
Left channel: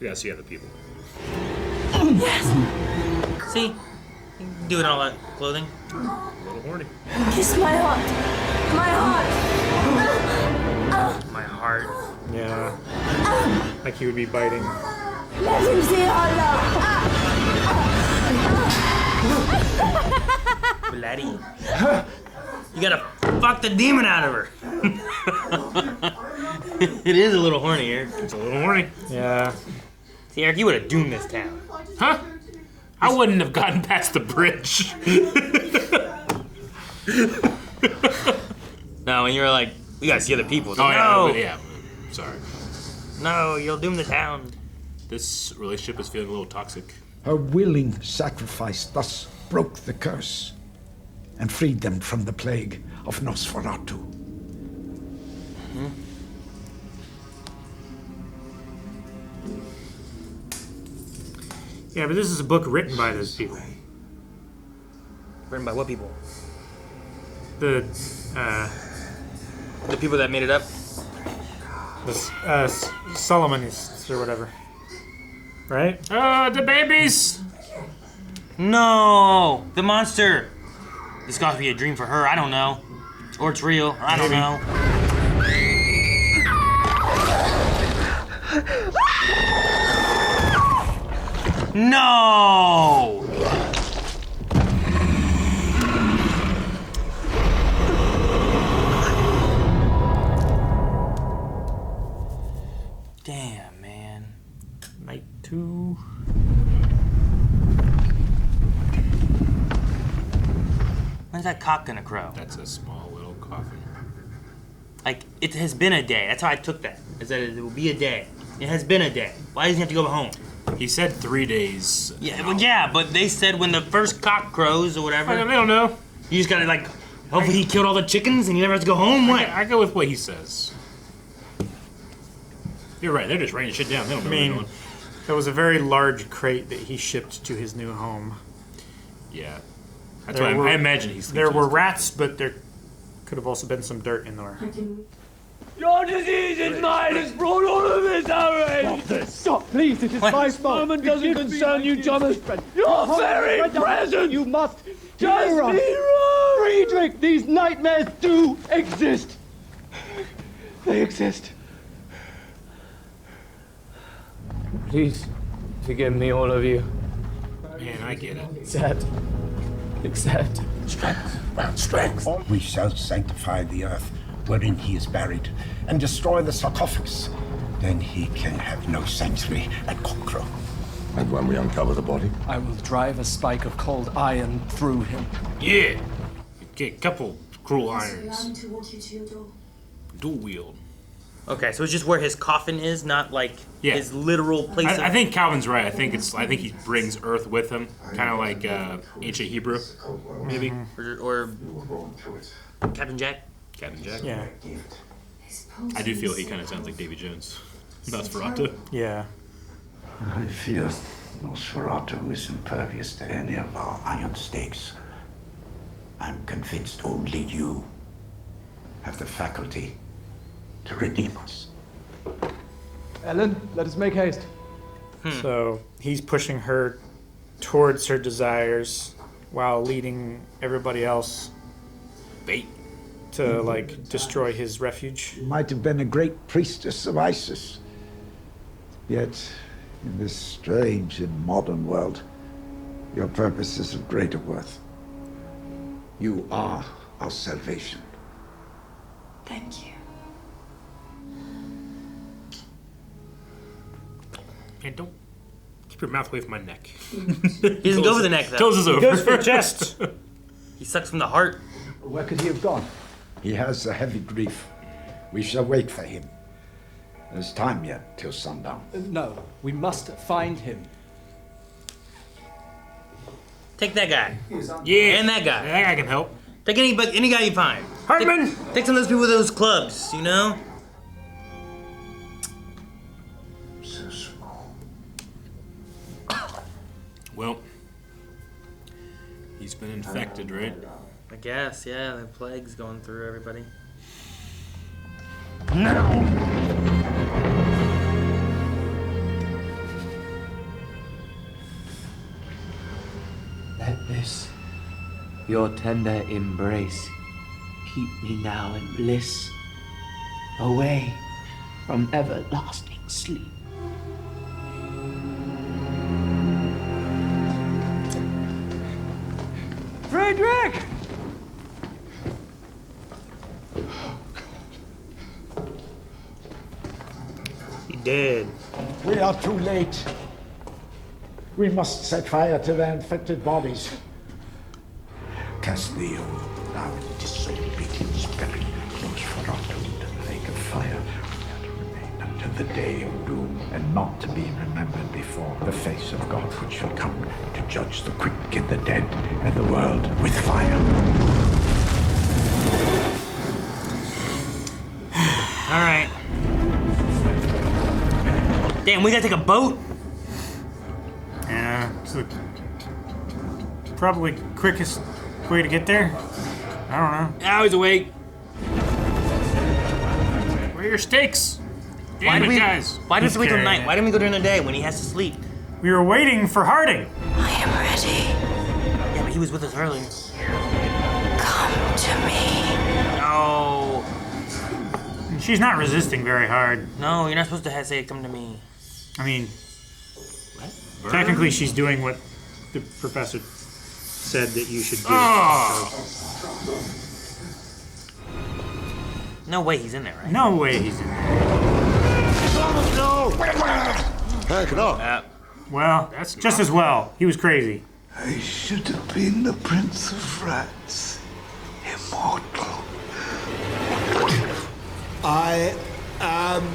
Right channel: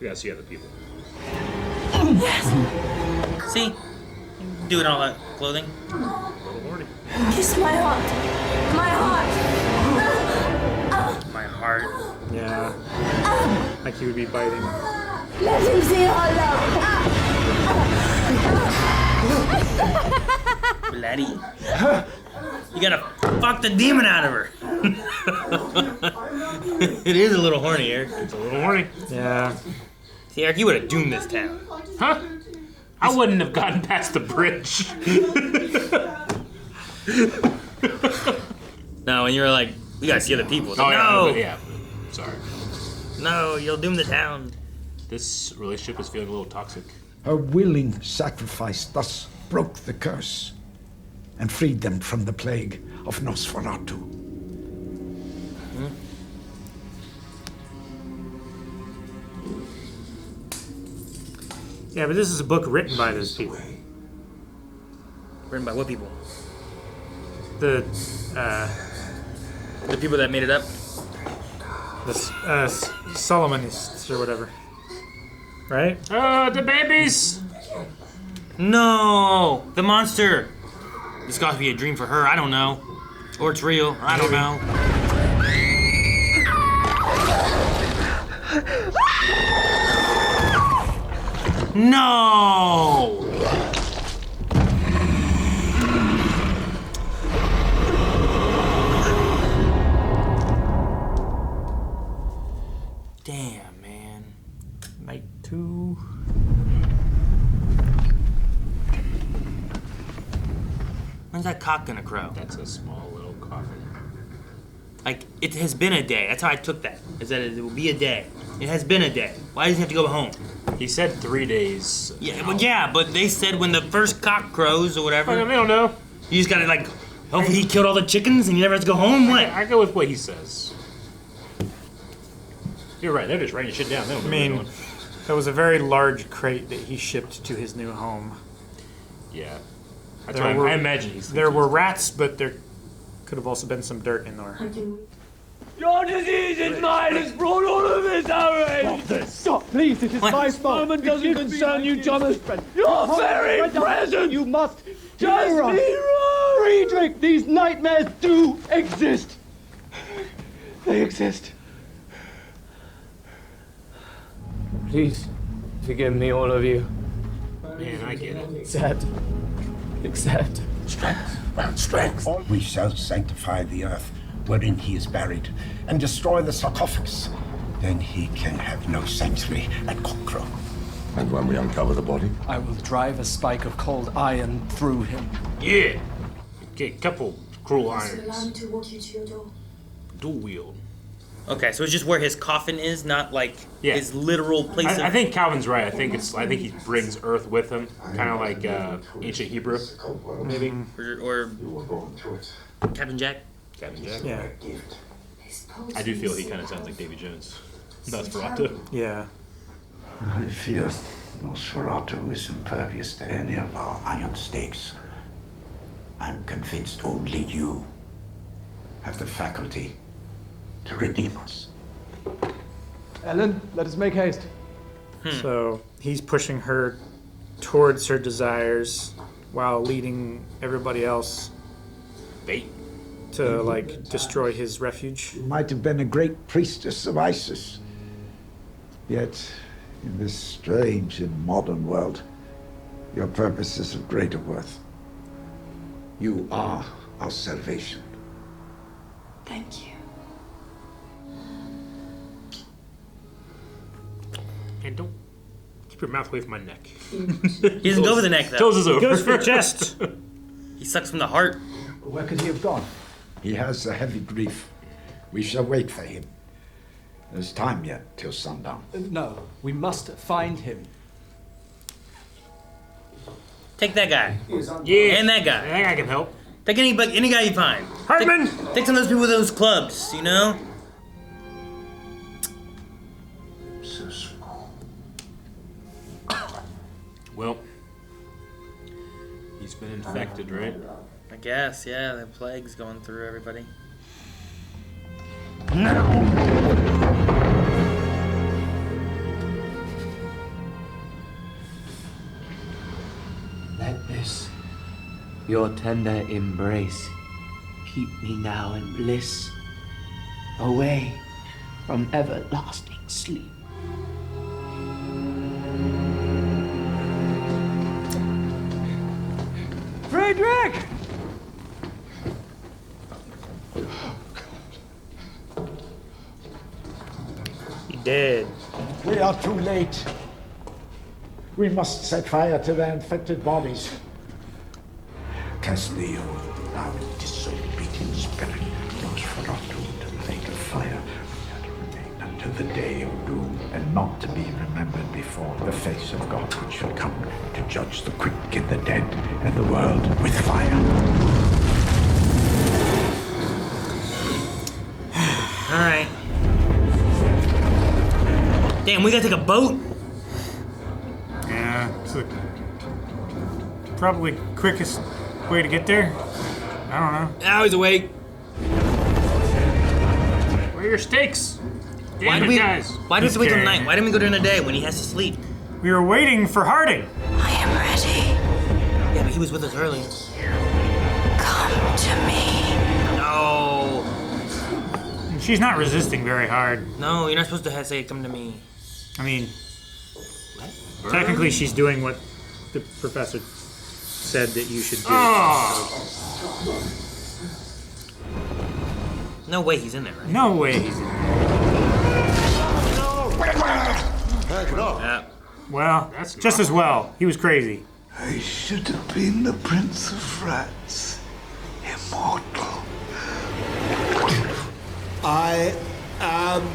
We gotta see other people. Yes. See? Do it on all that clothing. A little horny. Kiss my heart. My heart. My heart. Yeah. Like he would be biting. Let him see our love. Bloody. You gotta fuck the demon out of her. It is a little horny, Eric. It's a little horny. Yeah. See, Eric, you would have doomed this town. Huh? I wouldn't have gotten past the bridge. No, and you were like, we gotta see other people. Oh, No! yeah. Sorry. No, you'll doom the town. This relationship is feeling a little toxic. Her willing sacrifice thus broke the curse and freed them from the plague of Nosferatu. Yeah, but this is a book written by those people. Written by what people? The people that made it up? The Solomonists or whatever. Right? The babies! No! The monster! This got to be a dream for her, I don't know. Or it's real, I don't know. No! Damn, man. Night 2. When's that cock gonna crow? That's a small little coffin. Like, it has been a day. That's how I took that. Is that it will be a day. It has been a day. Why does he have to go home? He said 3 days. Yeah, but they said when the first cock crows or whatever. I don't know. You just gotta, like, hopefully he killed all the chickens and he never has to go home. What? I go with what he says. You're right. They're just writing shit down. They don't know what they're doing. There was a very large crate that he shipped to his new home. Yeah. That's why I imagine he's. There were rats, but there could have also been some dirt in there. Your disease is mine has brought all of this outrage! Stop this! Stop, please, it is my This fault! moment doesn't Forgive me, concern my you, dear Thomas. friend. Your Thomas, very Frederick, presence! You must Just hear us. be wrong! Friedrich, these nightmares do exist! They exist. Please, forgive me, all of you. Man, I get it. Accept. Strength, round strength. We shall sanctify the earth wherein he is buried and destroy the sarcophagus. Then he can have no sanctuary at Cockcrow. And when we uncover the body? I will drive a spike of cold iron through him. Yeah. Get a couple cruel irons. Allow me to walk you to your door. Dual wield. Okay, so it's just where his coffin is, not like his literal place. I think Calvin's right. I think he brings Earth with him, kind of like ancient Hebrew, maybe. Or Captain Jack. Captain Jack. Yeah. I do feel he kind of sounds like Davy Jones. Nosferatu. Yeah. I fear Nosferatu is impervious to any of our iron stakes. I'm convinced only you have the faculty to redeem us. Ellen, let us make haste. So he's pushing her towards her desires while leading everybody else to like destroy his refuge. You might have been a great priestess of Isis. Yet, in this strange and modern world, your purpose is of greater worth. You are our salvation. Thank you. And don't keep your mouth away from my neck. He doesn't go for the neck, though. Closes over. He goes for the chest. He sucks from the heart. Where could he have gone? He has a heavy grief. We shall wait for him. There's time yet till sundown. No, we must find him. Take that guy. Yeah. And that guy. That guy can help. Take any guy you find. Hartman! Take some of those people with those clubs, you know? Well, he's been infected, right? I guess, yeah. The plague's going through everybody. Let this, your tender embrace, keep me now in bliss, away from everlasting sleep. Friedrich! He dead. We are too late. We must set fire to their infected bodies. Cast thee, O thou disobedient spirit, Nosferatu, to the lake of fire. We are to remain until the day of doom, and not to be remembered before the face of God, which shall come to judge the quick and the dead, and the world with fire. All right. Damn, we gotta take a boat? Yeah, it's the probably quickest way to get there. I don't know. I was awake. Where are your steaks? Why Damn do it, guys. Why does he wait till Okay. night? Why didn't we go during the day when he has to sleep? We were waiting for Harding. I am ready. Yeah, but he was with us earlier. Come to me. No. She's not resisting very hard. No, you're not supposed to say come to me. I mean, technically she's doing what the professor said that you should do. No way he's in there, right? No way he's in there. No! Heck no! Well, that's just as well. He was crazy. I should have been the Prince of Rats, immortal. I am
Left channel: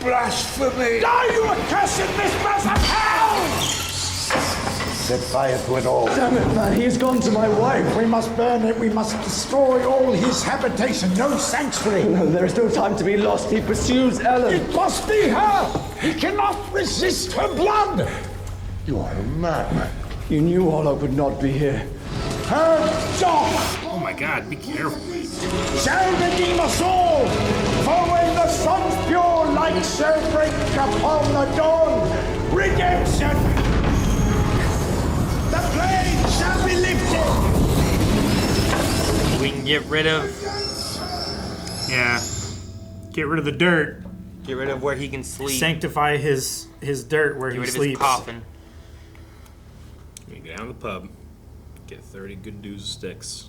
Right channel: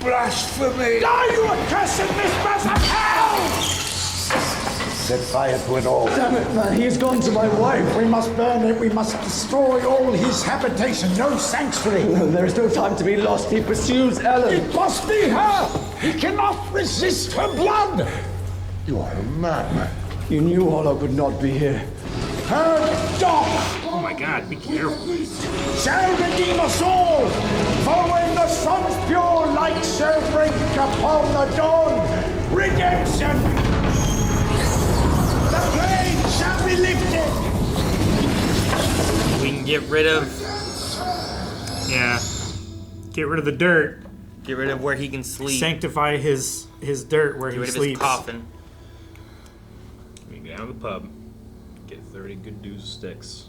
blasphemy. Die, you accursed mistress of hell! Set fire to it all. Damn it, man, he has gone to my wife. We must burn it. We must destroy all his habitation. No sanctuary. No, there is no time to be lost. He pursues Ellen. It must be her. He cannot resist her blood. You are a madman. You knew Orlok would not be here. Her dog Oh my god, be careful. shall redeem us all. For when the sun's pure light shall break upon the dawn, redemption, the plague shall be lifted. We can get rid of Yeah. Get rid of the dirt. where he can sleep. Sanctify his dirt where Get he rid of his sleeps. coffin. We can go down to the pub, get 30 good dudes of sticks.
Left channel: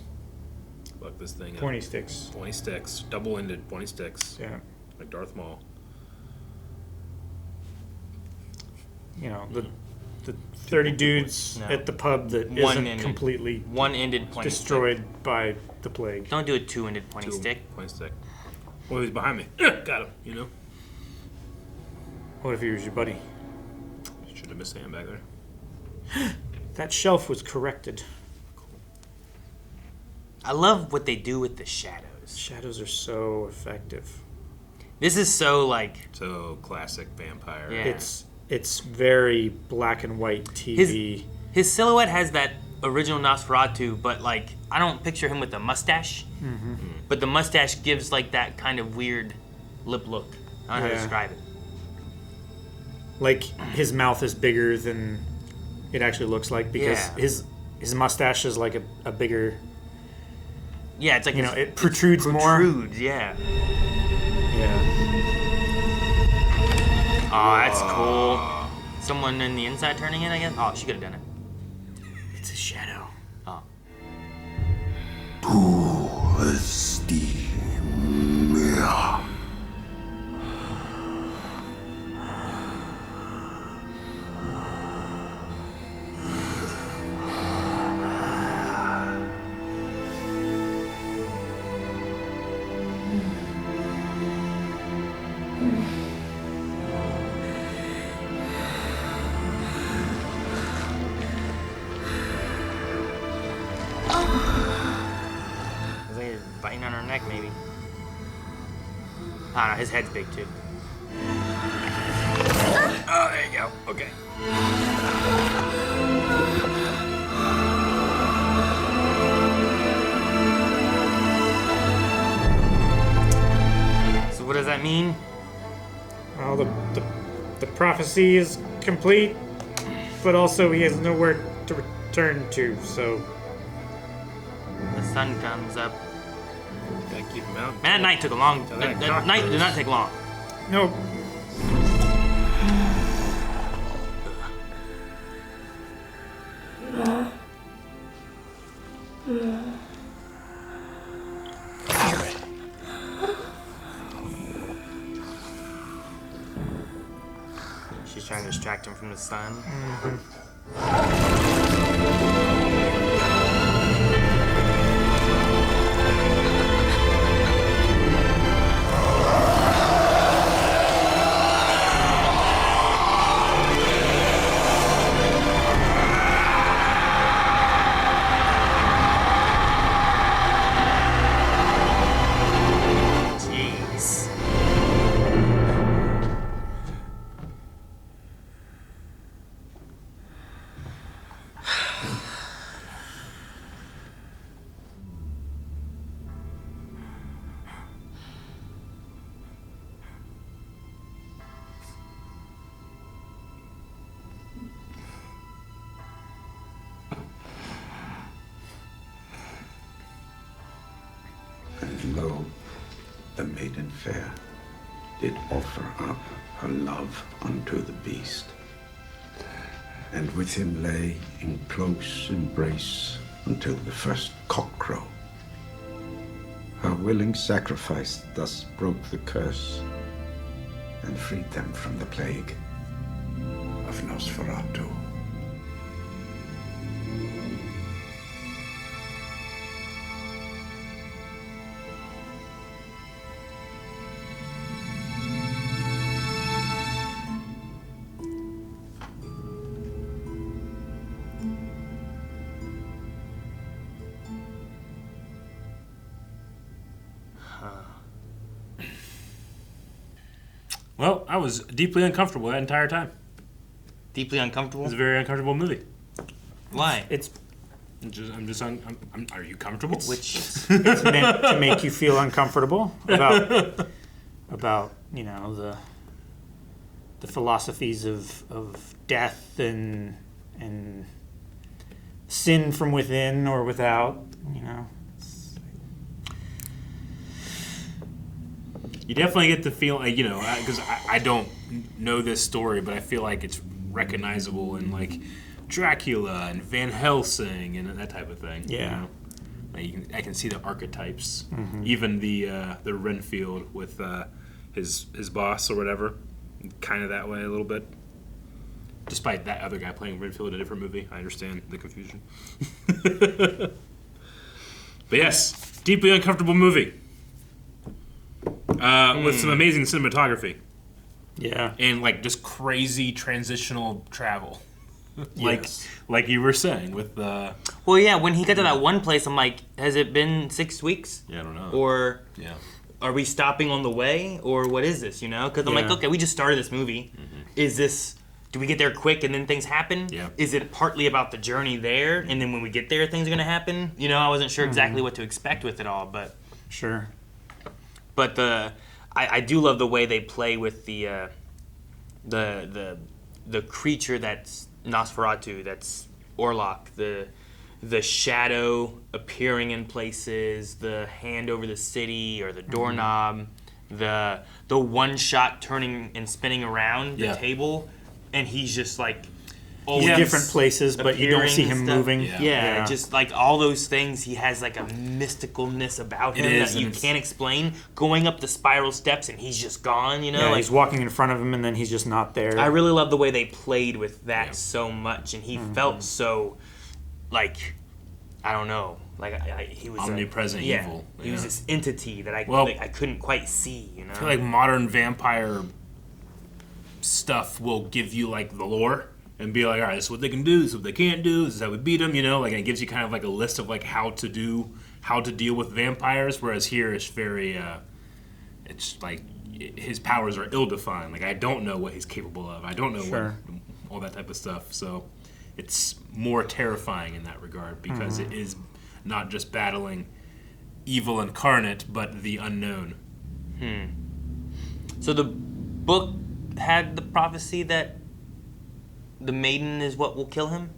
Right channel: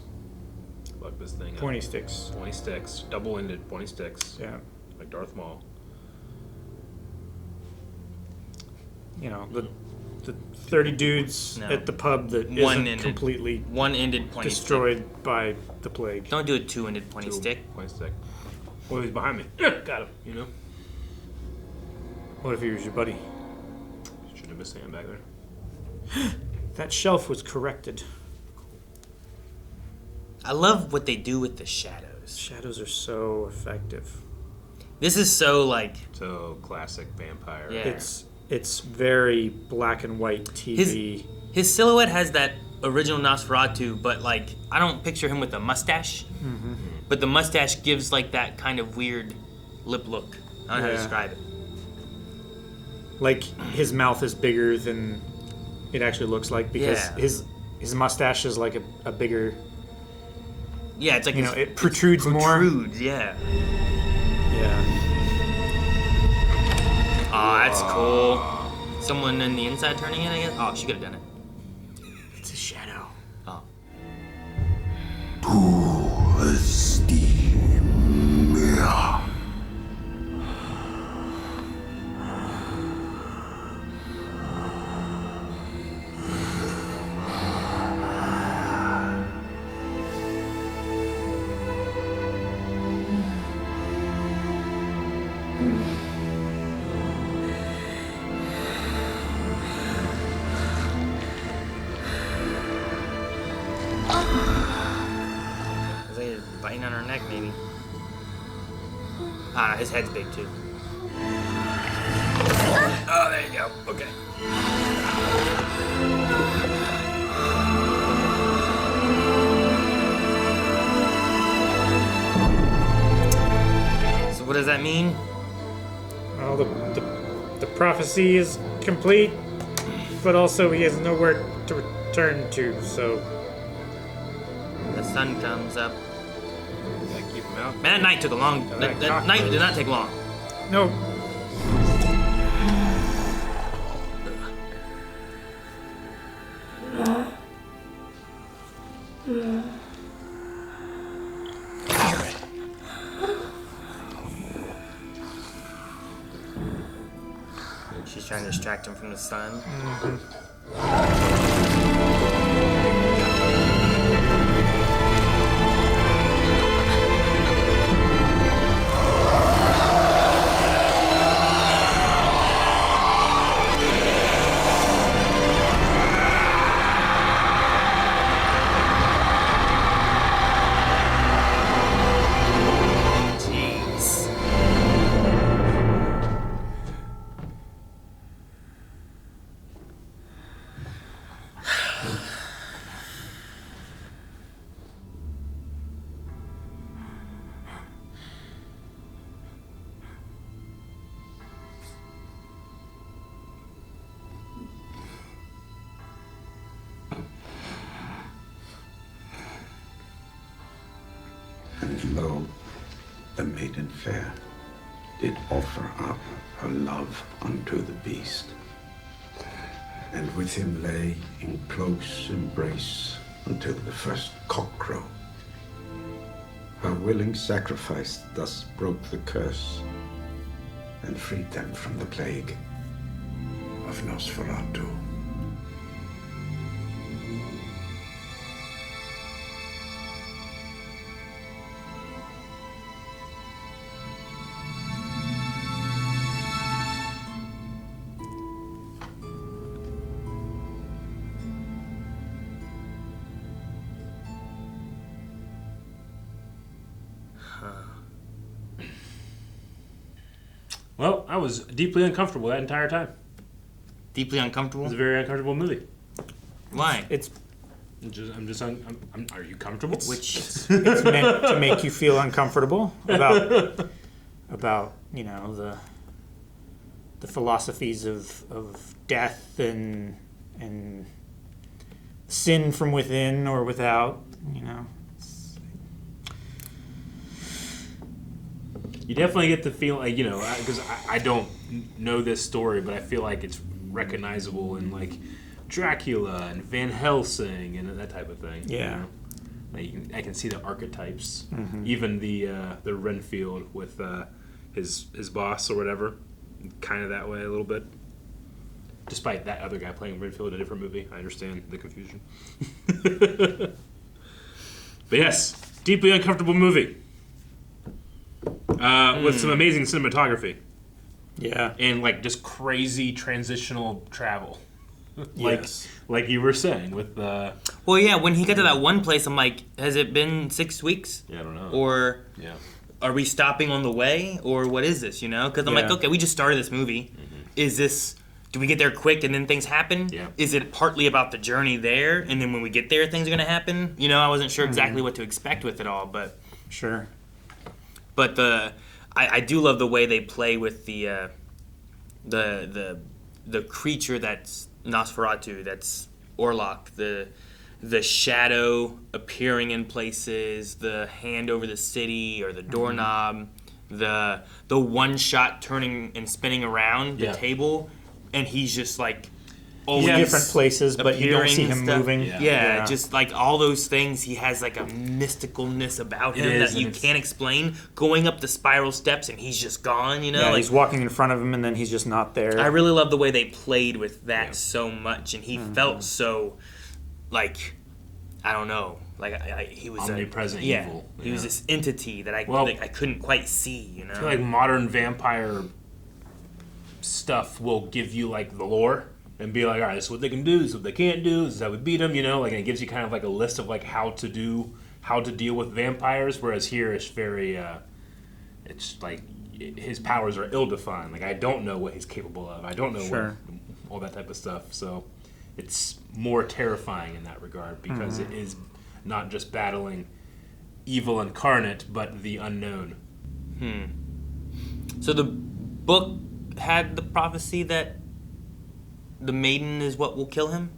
Fuck this thing up. 20 sticks. 20 sticks. Double-ended 20 sticks. Yeah. Like Darth Maul. You know, the 30 dudes No. at the pub that isn't One-ended. completely One-ended pointy destroyed by the plague. Don't do a two-ended pointy stick. Pointy stick. Oh, he's behind me. Got him, you know? What if he was your buddy? Should have missed a hand back there. That shelf was corrected. I love what they do with the shadows. Shadows are so effective. This is so like so classic vampire. Yeah. It's very black and white TV. His silhouette has that original Nosferatu, but like I don't picture him with a mustache. Mm-hmm. But the mustache gives like that kind of weird lip look. I don't know how to describe it. Like his mouth is bigger than it actually looks like because his mustache is like a bigger. Yeah, it's like it protrudes more. Yeah. Yeah. Oh, that's cool. Someone in the inside turning it, I guess. Oh, she could have done it. It's a shadow. Oh. To esteem me. Is he biting on her neck, maybe? Ah, no, his head's big too. Oh, there you go. Okay. So what does that mean? Well, the prophecy is complete, but also he has nowhere to return to, so... The sun comes up. Gotta keep him out. Man, night took a long... The night did not take long. No. She's trying to distract him from the sun. Jeez. And lo, the maiden fair did offer up her love unto the beast, and with him lay in close embrace until the first cockcrow. Her willing sacrifice thus broke the curse and freed them from the plague of Nosferatu. Well, I was deeply uncomfortable that entire time. Deeply uncomfortable? It was a very uncomfortable movie. Why? Are you comfortable? It's meant to make you feel uncomfortable about the philosophies of death and sin from within or without, You definitely get the feeling, because I don't know this story, but I feel like it's recognizable in like Dracula and Van Helsing and that type of thing. Yeah. Like I can see the archetypes. Mhm. Even the Renfield with his boss or whatever, kind of that way a little bit. Despite that other guy playing Renfield in a different movie, I understand the confusion. But yes, deeply uncomfortable movie. With some amazing cinematography. Yeah. And like just crazy transitional travel. Yes. Like you were saying with the. Well, yeah. When he got to that one place, I'm like, has it been 6 weeks? Yeah, I don't know. Or are we stopping on the way, or what is this? You know, because I'm like, okay, we just started this movie. Is this? Do we get there quick and then things happen? Yeah. Is it partly about the journey there, and then when we get there, things are gonna happen? You know, I wasn't sure exactly what to expect with it all, but. Sure. But I do love the way they play with the creature that's Nosferatu, that's Orlok, the shadow appearing in places, the hand over the city or the doorknob, the one shot turning and spinning around the table, and he's just like He's in different places, but you don't see him moving. Yeah, just like all those things, he has like a mysticalness about him that you can't explain. Going up the spiral steps and he's just gone, you know? Yeah, like, he's walking in front of him and then he's just not there. I really love the way they played with that so much, and he felt so, like, I don't know, like he was omnipresent evil. He was this entity that I couldn't quite see, you know? I feel like modern vampire stuff will give you like the lore. And be like, all right, this is what they can do, this is what they can't do, this is how we beat them, you know? Like, and it gives you kind of like a list of like how to deal with vampires. Whereas here, it's very, it's like his powers are ill-defined. Like, I don't know what he's capable of. I don't know what all that type of stuff. So, it's more terrifying in that regard because it is not just battling evil incarnate, but the unknown. So the book had the prophecy that the maiden is what will kill him?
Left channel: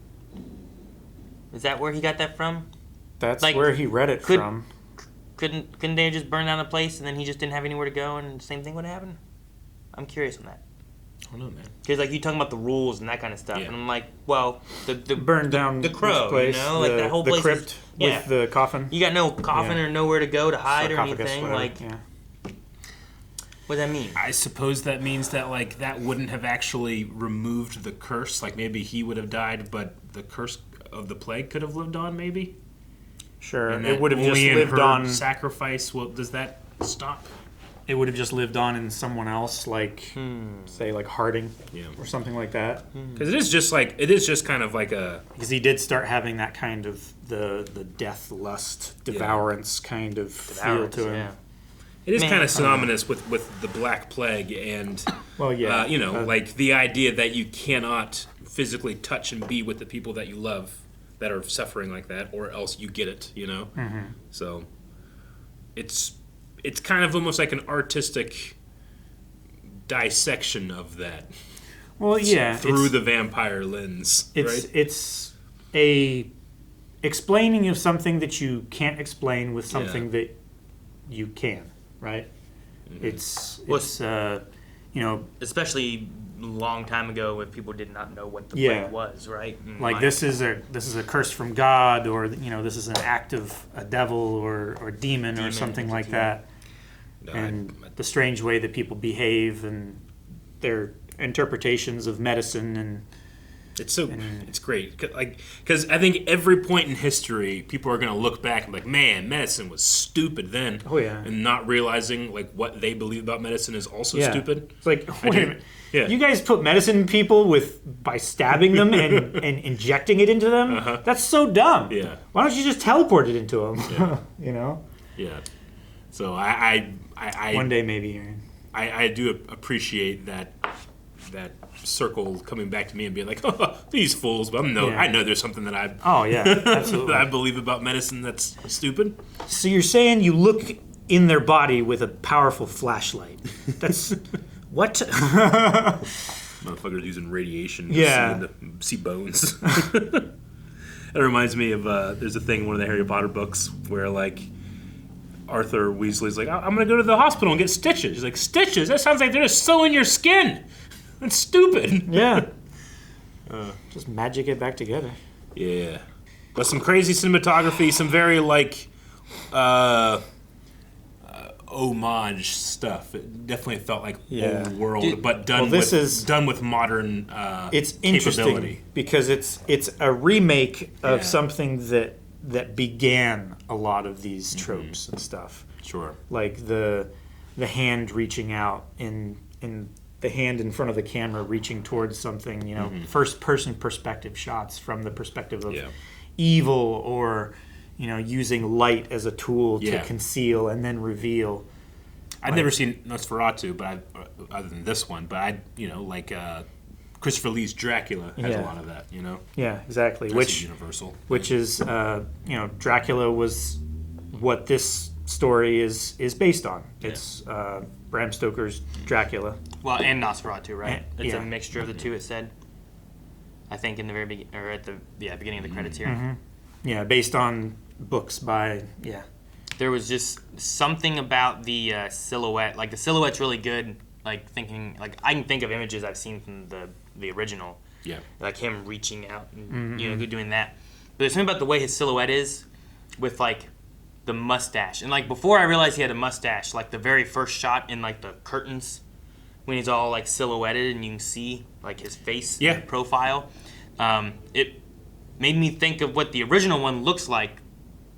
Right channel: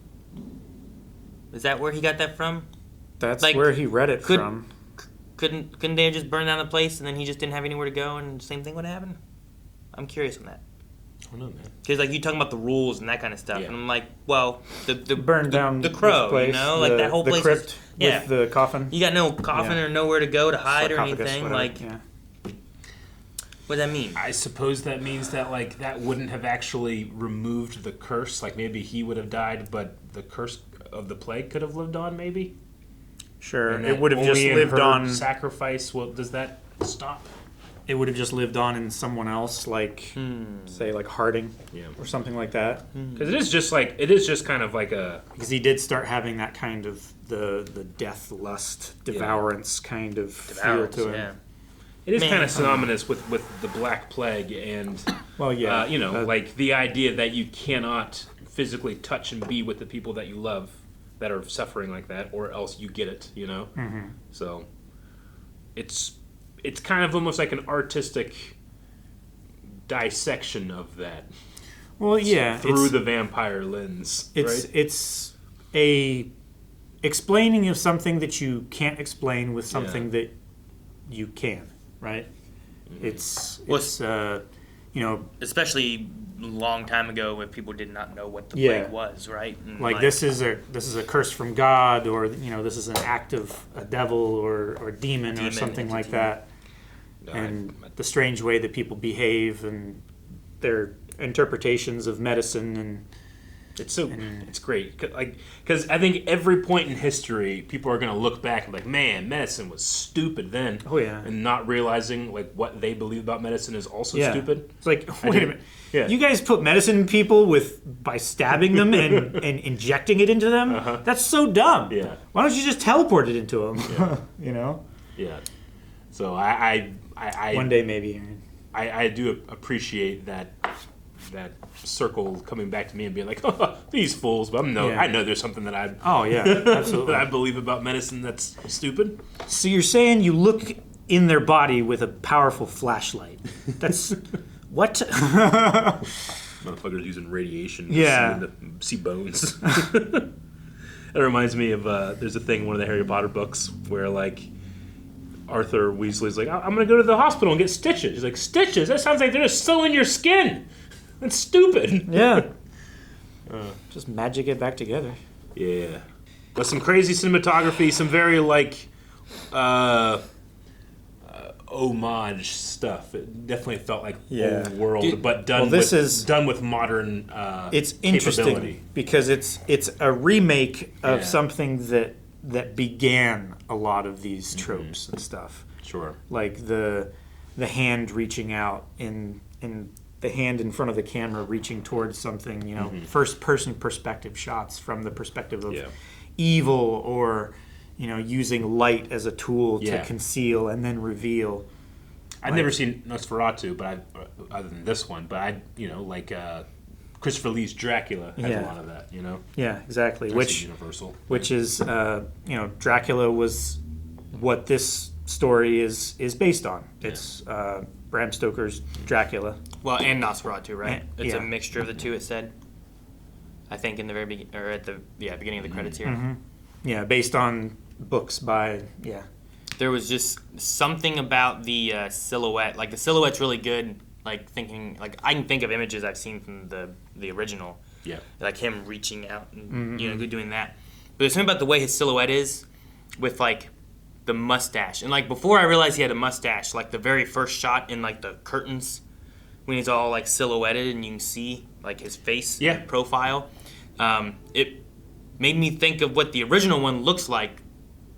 Is that where he got that from? That's like, where he read it from. Couldn't they just burn down the place and then he just didn't have anywhere to go and the same thing would happen? I'm curious on that. I don't know, man. Because like you talking about the rules and that kind of stuff, and I'm like, well, the burn down the crow, place, you know, like that whole place. The crypt with the coffin. You got no coffin or nowhere to go to hide or anything. Whatever. Like, what does that mean? I suppose that means that like that wouldn't have actually removed the curse. Like maybe he would have died, but the curse of the plague could have lived on. Maybe. Sure. And it would have just lived on sacrifice. Well, does that stop? It would have just lived on in someone else, like say like Harding, or something like that. Because it is just kind of like a. Because he did start having that kind of the death lust devourance kind of feel to him. Yeah. It is kind of synonymous with the Black Plague and, like the idea that you cannot physically touch and be with the people that you love that are suffering like that, or else you get it, you know? Mm-hmm. So it's kind of almost like an artistic dissection of that. Well, yeah. Through the vampire lens, right? It's a explaining of something that you can't explain with something that you can. Right, it's especially a long time ago when people did not know what the plague was, right? And like this is a curse from God, or this is an act of a devil or demon or something like that. And the strange way that people behave and their interpretations of medicine and. It's great, because I think every point in history, people are going to look back and be like, man, medicine was stupid then. Oh yeah, and not realizing like what they believe about medicine is also stupid. It's like, wait a minute, you guys put medicine in people by stabbing them and injecting it into them. That's so dumb. Yeah, why don't you just teleport it into them? Yeah. So I one day maybe. I do appreciate that circle coming back to me and being like, oh, these fools, but I know there's something that absolutely that I believe about medicine that's stupid. So you're saying you look in their body with a powerful flashlight? That's what? Motherfuckers using radiation to see bones. That reminds me of there's a thing in one of the Harry Potter books where like Arthur Weasley's like, I'm gonna go to the hospital and get stitches. He's like, stitches? That sounds like they're just sewing your skin. That's stupid. Yeah. Just magic it back together. Yeah. But some crazy cinematography, some very like homage stuff. It definitely felt like old world, but done with modern it's capability. Interesting because it's a remake of something that began a lot of these tropes and stuff. Sure. Like the hand reaching out in the hand in front of the camera reaching towards something, you know, first person perspective shots from the perspective of evil, or, you know, using light as a tool to conceal and then reveal. I've never seen Nosferatu, but other than this one, but I, you know, like Christopher Lee's Dracula has a lot of that, you know. Yeah, exactly. That's Which universal. Which is, you know, Dracula was what this story is based on. It's Bram Stoker's Dracula. Well, and Nosferatu, right? It's yeah. a mixture of the two. It said, I think, in the very beginning, or at the beginning of the credits here. Mm-hmm. Yeah, based on books by There was just something about the silhouette. Like the silhouette's really good. Like thinking, like I can think of images I've seen from the original. Yeah. Like him reaching out and you know doing that. But there's something about the way his silhouette is, with like the mustache. And like before I realized he had a mustache, like the very first shot in like the curtains when he's all like silhouetted and you can see like his face profile. It made me think of what the original one looks like,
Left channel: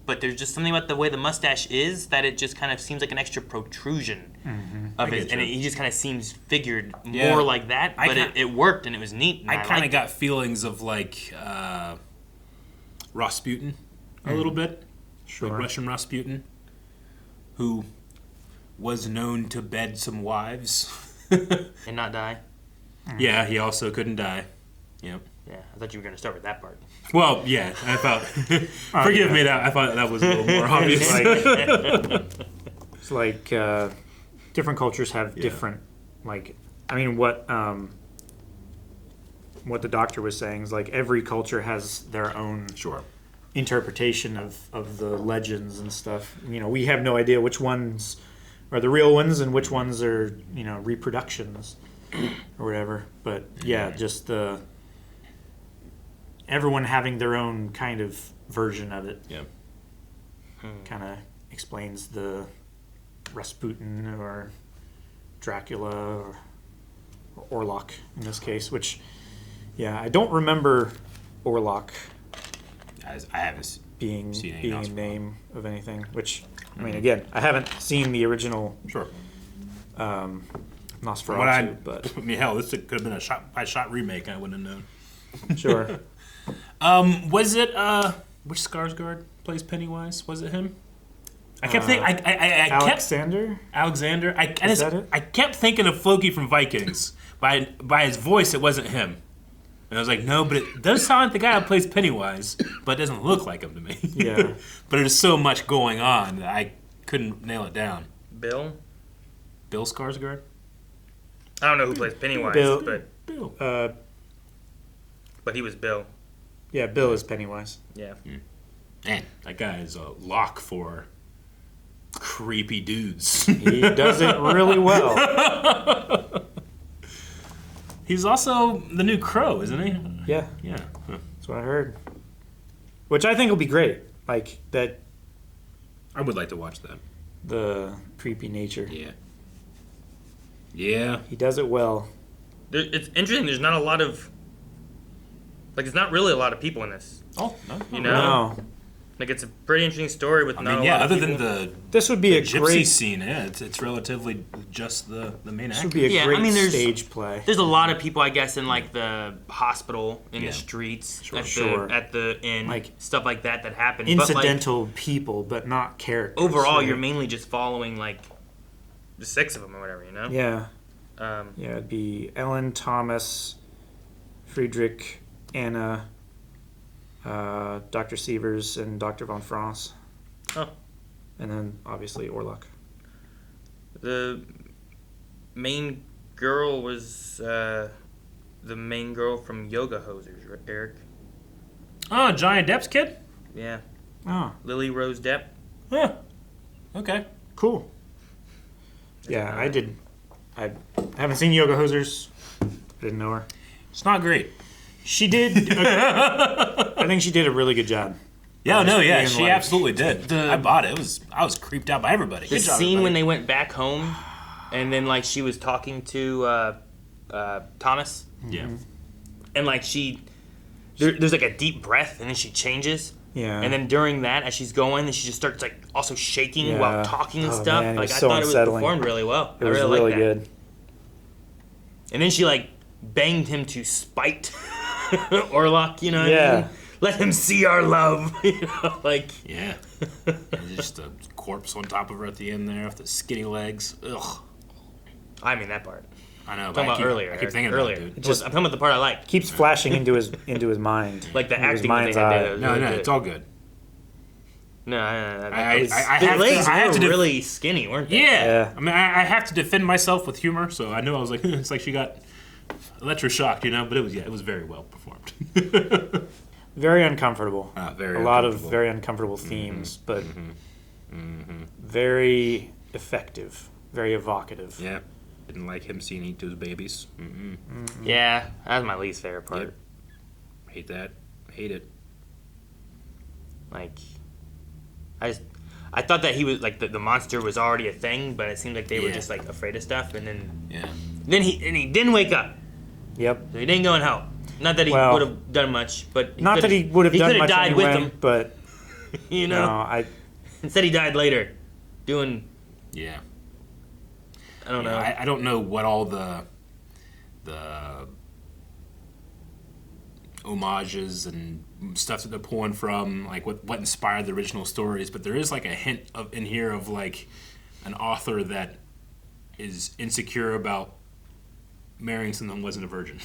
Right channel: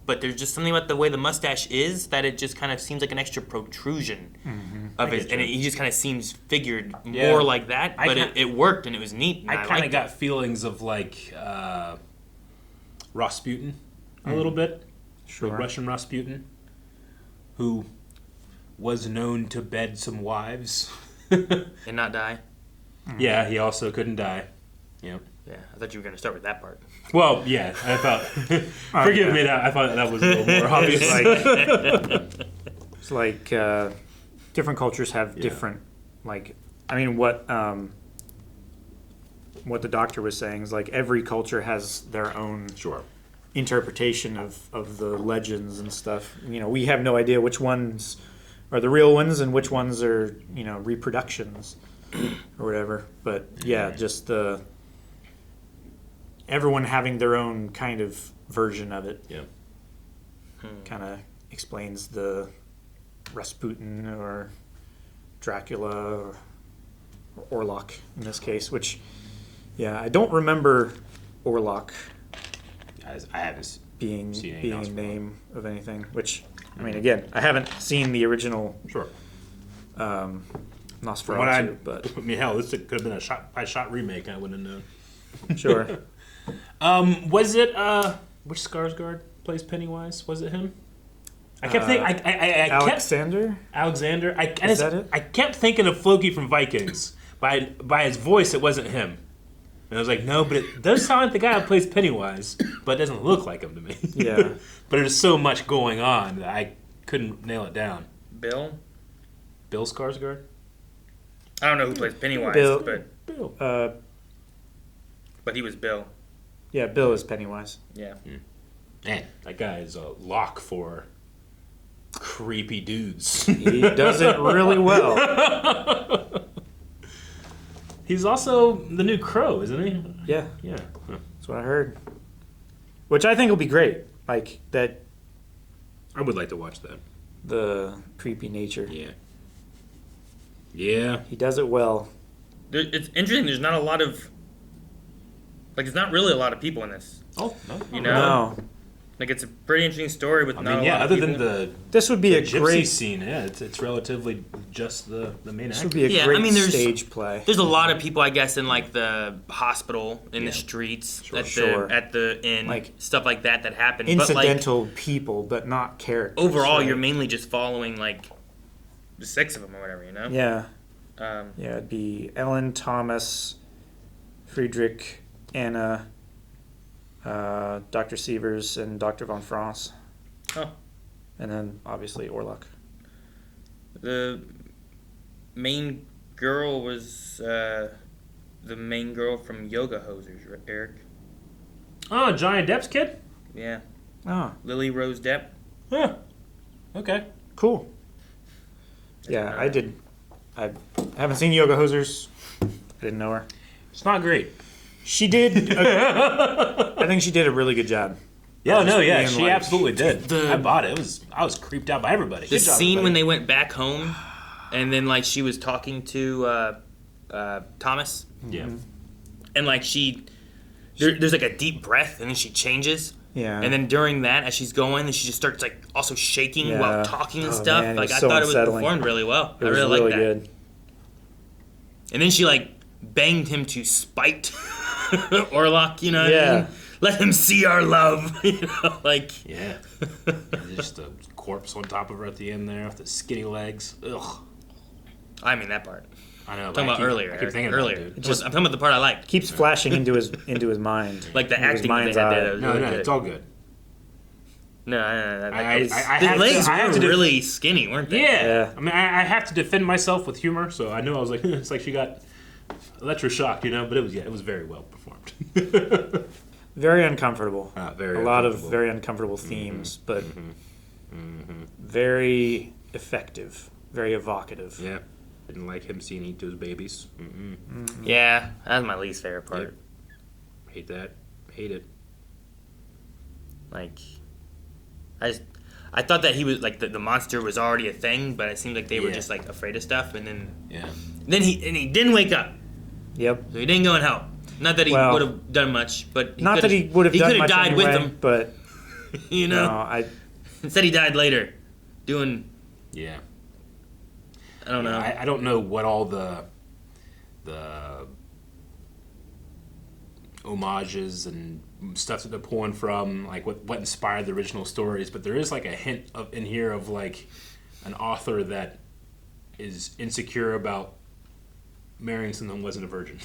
but there's just something about the way the mustache is that it just kind of seems like an extra protrusion of it, and he just kind of seems figured more like that, but it worked and it was neat. I kind of got feelings of like Rasputin a little bit. Sure. Like Russian Rasputin, who was known to bed some wives. And not die? Yeah, he also couldn't die. Yep. Yeah, I thought you were going to start with that part. Well, yeah, I thought... forgive me, I thought that was a little more obvious. It's like different cultures have different, like, I mean, what the doctor was saying is like every culture has their own interpretation of the legends and stuff. You know, we have no idea which ones are the real ones and which ones are, you know, reproductions or whatever. But yeah, just everyone having their own kind of version of it. Yeah. Kind of explains the Rasputin or Dracula or Orlok in this case, which, yeah, I don't remember Orlok I haven't being seen a name of anything, which, I mean, again, I haven't seen the original Nosferatu, but... I mean, hell, this could have been a shot-by-shot remake, I wouldn't have known. Sure. Was it, which Skarsgård plays Pennywise? Was it him? I kept thinking... Alexander? Alexander. Is that it? I kept thinking of Floki from Vikings. By his voice, it wasn't him. And I was like, no, but it does sound like the guy who plays Pennywise, but it doesn't look like him to me. Yeah. But there's so much going on that I couldn't nail it down. Bill Skarsgård? I don't know who plays Pennywise, Bill. But he was Bill. Yeah, Bill is Pennywise. Yeah. Man, that guy is a lock for creepy dudes. He does it really well. He's also the new Crow, isn't he? Yeah. Yeah. That's what I heard. Which I think will be great. Like, that... I would like to watch that. The creepy nature. Yeah. Yeah. He does it well. It's interesting, there's not a lot of... Like, there's not really a lot of people in this. Oh, no. You know? No. Like, it's a pretty interesting story with not a lot of people. other than the... This would be a gypsy great... scene, it's relatively just the main actor. This would be a great stage play. There's a lot of people, I guess, in, like, the hospital, in the streets, at the inn, like, stuff like that happen. Incidental but, like, people, but not characters. Overall, you're mainly just following, like, the 6 of them or whatever, you know? Yeah. Yeah, it'd be Ellen, Thomas, Friedrich, Anna, Dr. Sievers, and Dr. von France. Oh. And then, obviously, Orlok. The main girl was the main girl from Yoga Hosers, right, Eric? Oh, Johnny Depp's kid? Yeah. Oh. Lily Rose Depp. Huh. Okay. Cool. Yeah, I haven't seen Yoga Hosers. I didn't know her. It's not great. She did. I think she did a really good job. Yeah, no, yeah, she absolutely did. I bought it. I was creeped out by everybody. The scene when they went back home, and then like she was talking to Thomas. Yeah. And like there's like a deep breath, and then she changes. Yeah. And then during that, as she's going, then she just starts like also shaking while talking and stuff. Man, like I so thought unsettling. it was performed really well. It was I really really liked that. good. And then she like banged him to spite Orlok, you know what I mean? Let him see our love, you know, like. Yeah. And just a corpse on top of her at the end there with the skinny legs. Ugh. I mean that part. I know. I'm talking about earlier. I keep thinking about it, dude. I'm talking about the part I like. Keeps flashing into his mind. Like the into his acting that they mind's had eye. there. No, it's all good. No, I have to really skinny, weren't they? Yeah. I mean, I have to defend myself with humor, so I knew I was like, it's like she got electroshocked, you know. But it was very well performed. Very uncomfortable. Very a lot of uncomfortable. very uncomfortable themes, but very effective, very evocative. Yeah. Didn't like him seeing eat those babies. Yeah, that's my least favorite part. Yep. Hate that. Hate it. Like, I thought that he was like the monster was already a thing, but it seemed like they were just like afraid of stuff, and then he didn't wake up. Yep. So he didn't go in hell. Not that he Well, would have done much, but Not that he would have done could much died anyway, with him. but You know, no, instead he died later, doing. Yeah. I don't know. I don't know what all the homages and stuff that they're pulling from, like what inspired the original stories, but there is like a hint of in here of like an author that is insecure about marrying someone who wasn't a virgin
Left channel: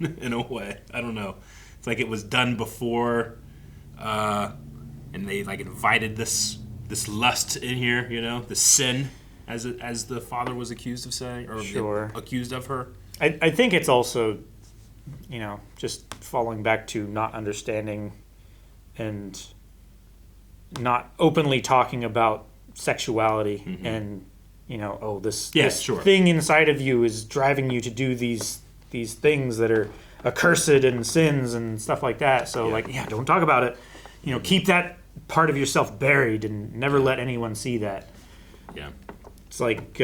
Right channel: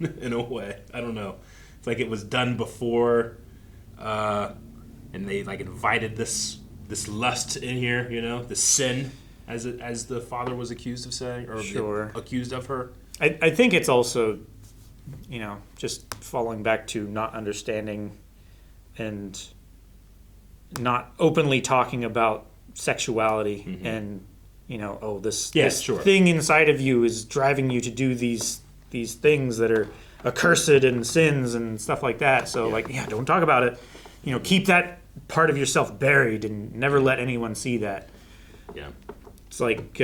in a way. I don't know. It's like it was done before, and they like invited this lust in here, you know, the sin, as the father was accused of saying, or accused of her. I think it's also, you know, just falling back to not understanding and not openly talking about sexuality and, you know, oh, this thing inside of you is driving you to do these things that are accursed and sins and stuff like that. So don't talk about it. You know, keep that part of yourself buried and never let anyone see that. Yeah. It's like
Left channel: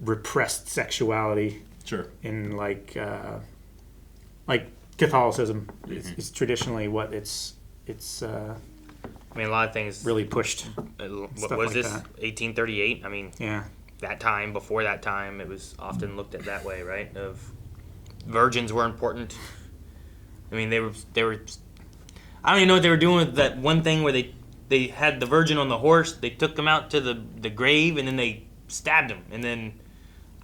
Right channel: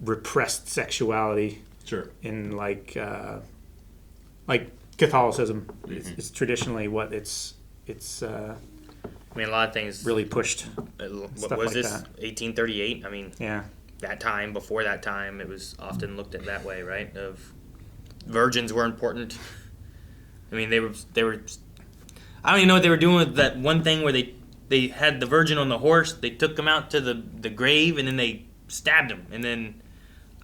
repressed sexuality. Sure. In like Catholicism is traditionally what it's I mean, a lot of things really pushed. What was this? 1838. I mean, yeah. That time, before that time, it was often looked at that way, right? Of virgins were important. I mean, they were. I don't even know what they were doing with that one thing where they had the virgin on the horse. They took him out to the grave and then they stabbed him, and then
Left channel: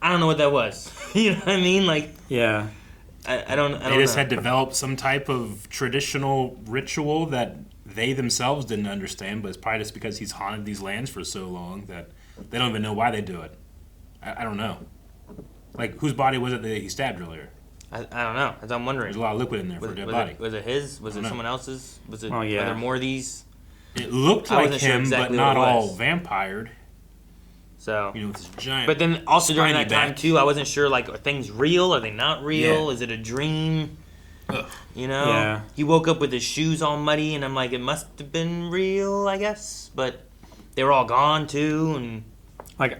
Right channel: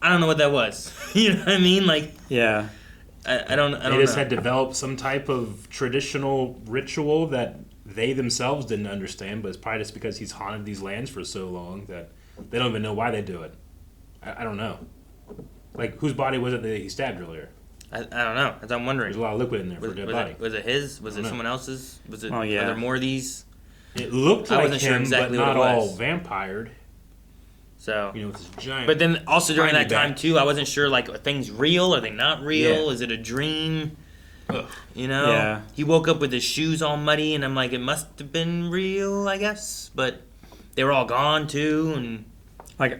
I don't know what that was. You know what I mean? Like, yeah. I don't They just know. had developed some type of traditional ritual that they themselves didn't understand, but it's probably just because he's haunted these lands for so long that they don't even know why they do it. I don't know. Like, whose body was it that he stabbed earlier? I don't know. As I'm wondering. There's a lot of liquid in there for a dead body. Was it his? Was it someone else's? Was it? Oh, yeah. Are there more of these? It looked I like wasn't sure him, exactly but not what it all was. vampired. So, you know, with his giant. But then also during that spiny time back. too, I wasn't sure. Like, are things real? Are they not real? Yeah. Is it a dream? Ugh. You know. Yeah. He woke up with his shoes all muddy, and I'm like, it must have been real, I guess. But they were all gone too, and Like,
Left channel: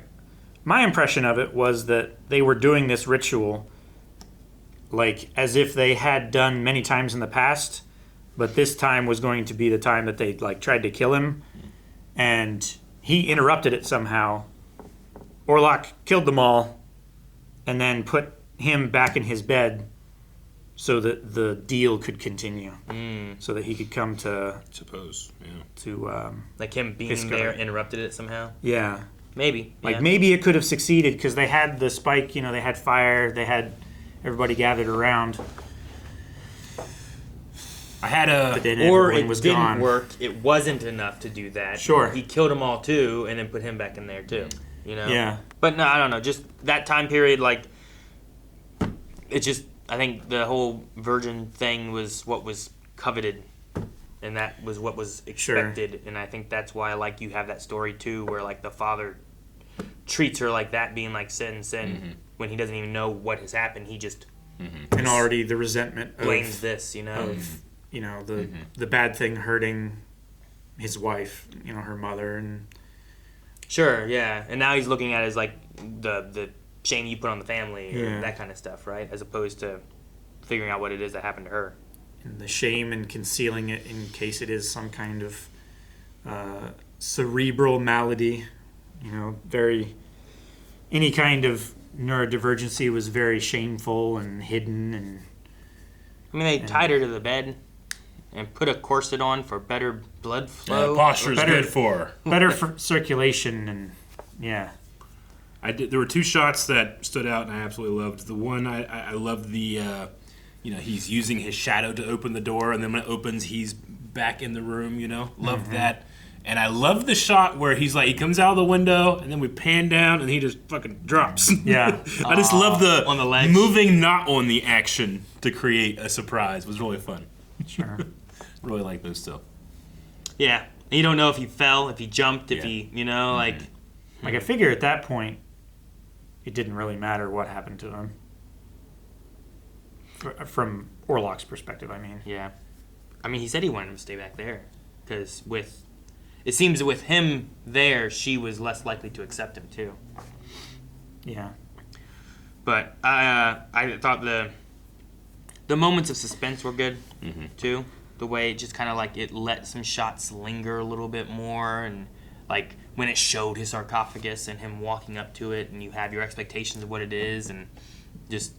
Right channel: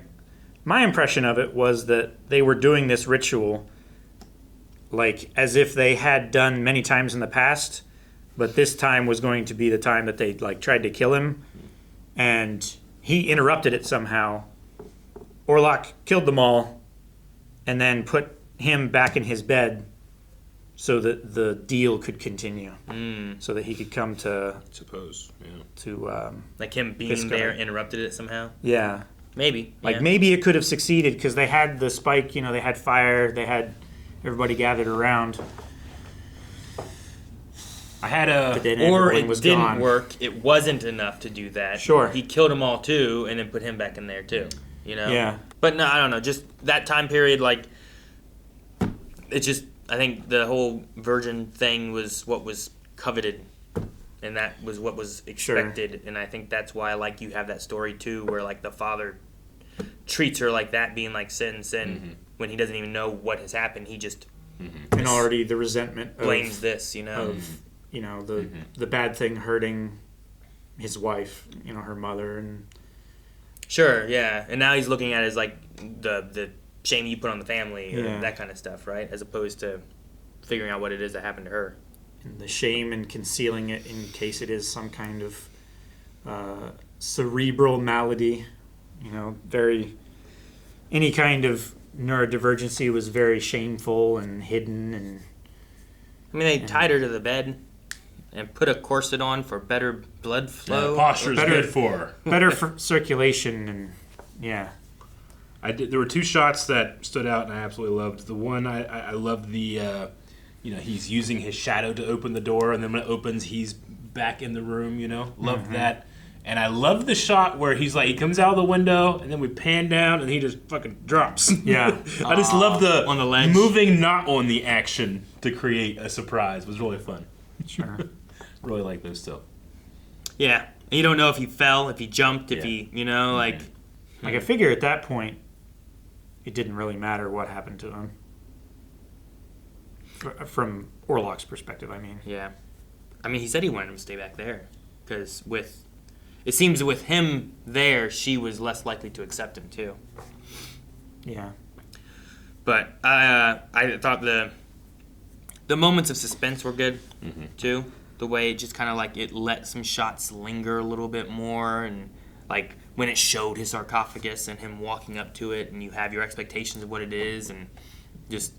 my impression of it was that they were doing this ritual like as if they had done many times in the past, but this time was going to be the time that they like tried to kill him, and he interrupted it somehow. Orlok killed them all, and then put him back in his bed so that the deal could continue, so that he could come to like him being Pisco. there interrupted it somehow. Yeah. Maybe. Like yeah. maybe it could have succeeded because they had the spike, you know, they had fire, they had everybody gathered around. I had a But then Or everything it was didn't gone. work. It wasn't enough to do that. Sure. He killed them all too, and then put him back in there too. You know. Yeah. But no, I don't know. Just that time period, like, it just. I think the whole virgin thing was what was coveted, and that was what was expected. And I think that's why, like, you have that story too, where like the father treats her like that, being like sin, when he doesn't even know what has happened. He just And already the resentment blames of, this, you know. of you know the bad thing hurting his wife, you know, her mother, and Sure, yeah. And now he's looking at it as like the shame you put on the family, or Yeah. that kind of stuff, right? As opposed to figuring out what it is that happened to her. and the shame and concealing it in case it is some kind of cerebral malady, you know, any kind of neurodivergency was very shameful and hidden, and I mean, they tied her to the bed and put a corset on for better blood flow. Yeah, posture's good for her. Better for circulation, and yeah. There were two shots that stood out, and I absolutely loved. The one I loved the, he's using his shadow to open the door, and then when it opens, he's back in the room. Loved that. And I love the shot where he's like, he comes out of the window, and then we pan down, and he just fucking drops. Yeah. I just love the on the ledge. moving not on the action to create a surprise. It was really fun. Sure. Really like those still. Yeah. And you don't know if he fell, if he jumped, if he, like... Like, I figure at that point, it didn't really matter what happened to him. From Orlok's perspective, I mean. Yeah. I mean, he said he wanted him to stay back there. Because it seems with him there, she was less likely to accept him, too. Yeah. But I thought the moments of suspense were good, too. The way it just kind of like it let some shots linger a little bit more, and like when it showed his sarcophagus and him walking up to it, and you have your expectations of what it is, and it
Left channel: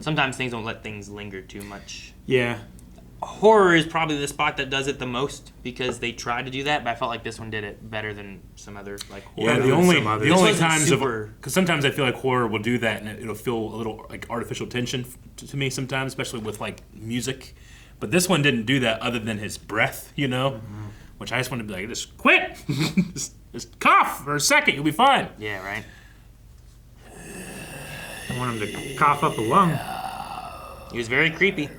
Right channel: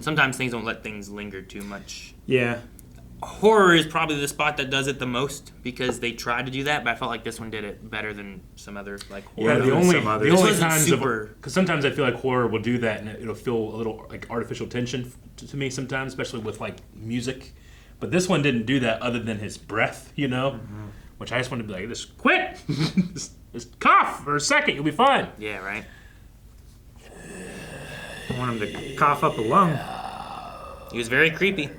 sometimes things don't let things linger too much. Yeah. Horror is probably the spot that does it the most because they tried to do that, but I felt like this one did it better than some other like horror. Yeah, the only times because sometimes I feel like horror will do that and it'll feel a little like artificial tension to me sometimes, especially with like music. But this one didn't do that other than his breath, which I just wanted to be like, just quit, just cough for a second, you'll be fine. Yeah, right. I want him to cough up a lung. He was very creepy.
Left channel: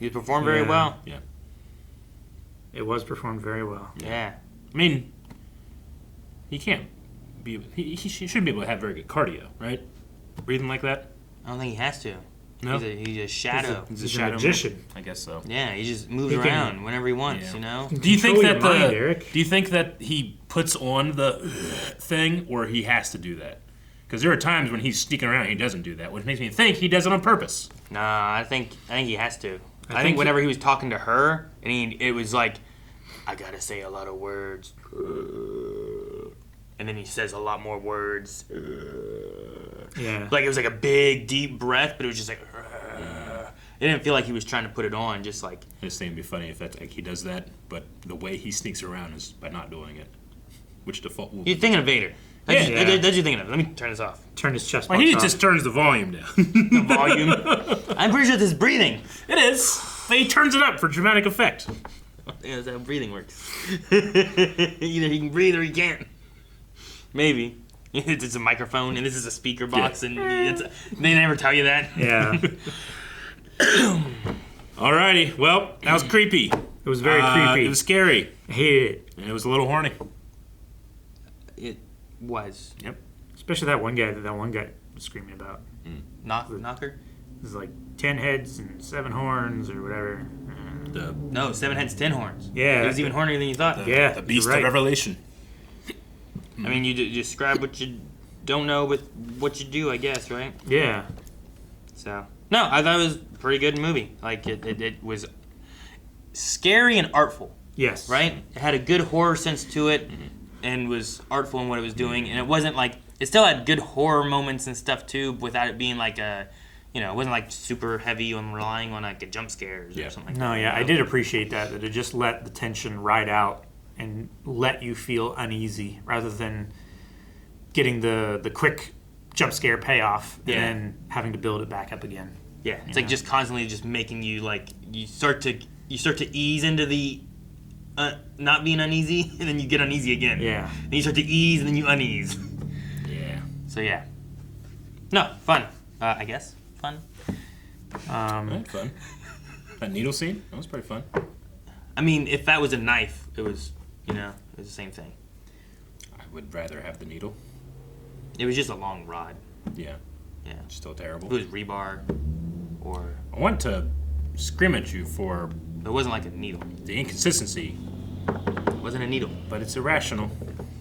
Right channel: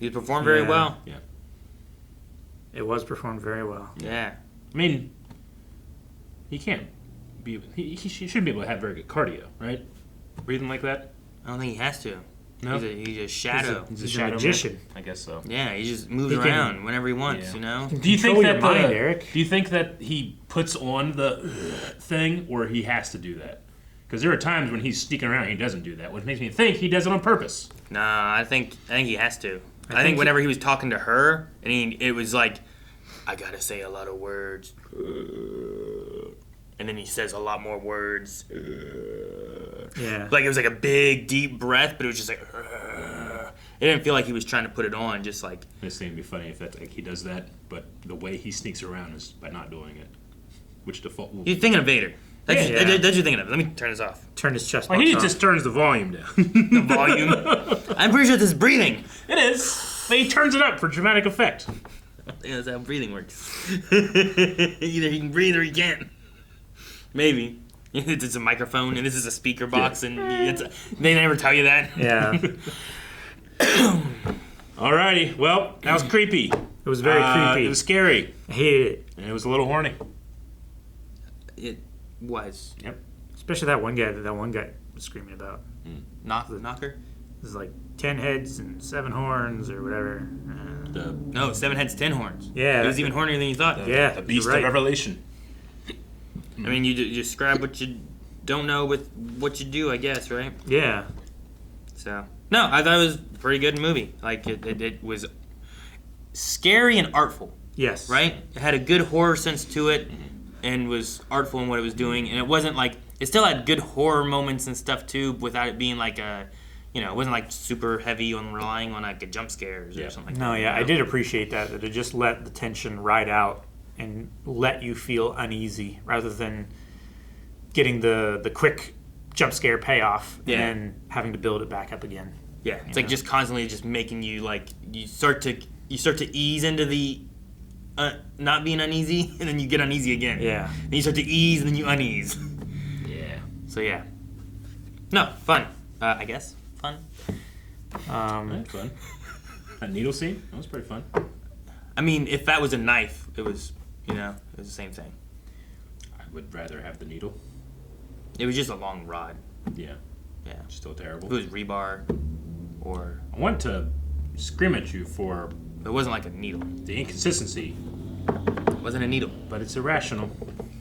He performed very well. Yeah. It was performed very well. Yeah. I mean, he can't be. He shouldn't be able to have very good cardio, right? Breathing like that. I don't think he has to. No. He's a shadow. He's a shadow magician. I guess so. Yeah, he just moves around whenever he wants. Do you think that Eric? Do you think that he puts on the thing, or he has to do that? Because there are times when he's sneaking around, and he doesn't do that, which makes me think he does it on purpose. Nah, I think he has to. I think whenever he was talking to her, and it was like, I gotta say a lot of words, and then he says a lot more words. Yeah. Like it was like a big, deep breath, but it was just like. It didn't feel like he was trying to put it on, just like. This thing would be funny if that like he does that, but the way he sneaks around is by not doing it, which default. You're thinking of Vader. That's what you're thinking of. Let me turn this off. Turn his chest. Well, he just turns the volume down. The volume. I'm pretty sure this is breathing. It is, but he turns it up for dramatic effect. That's how breathing works. Either he can breathe or he can't. Maybe. It's a microphone and this is a speaker box, and they never tell you that. Yeah. Alrighty, well, that was creepy. It was very creepy. It was scary. I hated it. And it was a little horny. It was. Yep. Especially that one guy was screaming about. Knocker? There's like 10 heads and 7 horns or whatever. No, 7 heads, 10 horns. Yeah. He was even hornier than you thought. The beast of Revelation. I mean, you describe what you don't know with what you do, I guess, right? Yeah. So, no, I thought it was a pretty good movie. Like, it was scary and artful. Yes. Right? It had a good horror sense to it and was artful in what it was doing. And it wasn't like, it still had good horror moments and stuff too, without it being like a, it wasn't like super heavy on relying on like a jump scare or something like that. No, yeah, I did appreciate that it just let the tension ride out and let you feel uneasy rather than getting the quick jump scare payoff and then having to build it back up again. Yeah, it's like just constantly just making you like you start to ease into the not being uneasy, and then you get uneasy again. Yeah. And you start to ease, and then you unease. Yeah. So yeah. No, fun. I guess fun. Fun. That needle scene, that was pretty fun. I mean, if that was a knife, it was it was the same thing. I would rather have the needle. It was just a long rod. Yeah. Yeah. Still terrible. If it was rebar, or I want to scream at you for. It wasn't like a needle. The inconsistency. It wasn't a needle. But it's irrational.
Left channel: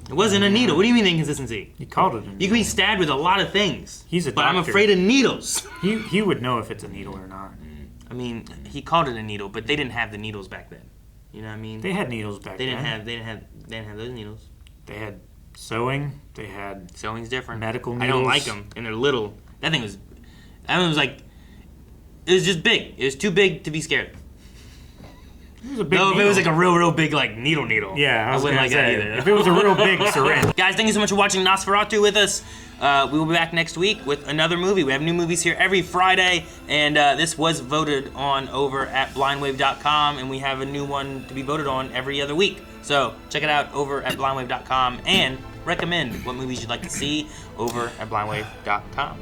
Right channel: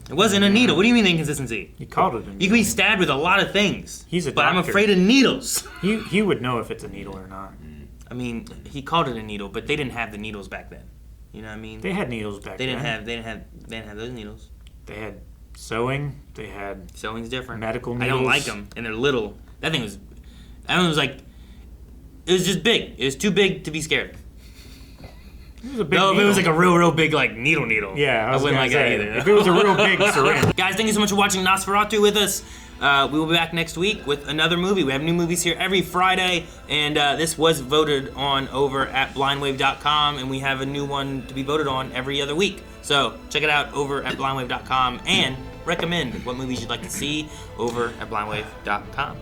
It wasn't a needle. What do you mean the inconsistency? You called it a needle. You can be stabbed with a lot of things. He's a but doctor. I'm afraid of needles. He would know if it's a needle or not. I mean, he called it a needle, but they didn't have the needles back then. You know what I mean? They had needles back They then. didn't have those needles. They had sewing. They had sewing's different. Medical I needles. don't like them, and they're little. That thing was like, it was just big. It was too big to be scared. It was a big if it was like a real big like needle. Yeah, I was wouldn't gonna like say, that either. if it was a real big syringe. Guys, thank you so much for watching Nosferatu with us. We will be back next week with another movie. We have new movies here every Friday, and this was voted on over at blindwave.com, and we have a new one to be voted on every other week. So check it out over at blindwave.com, and recommend what movies you'd like to see over at blindwave.com.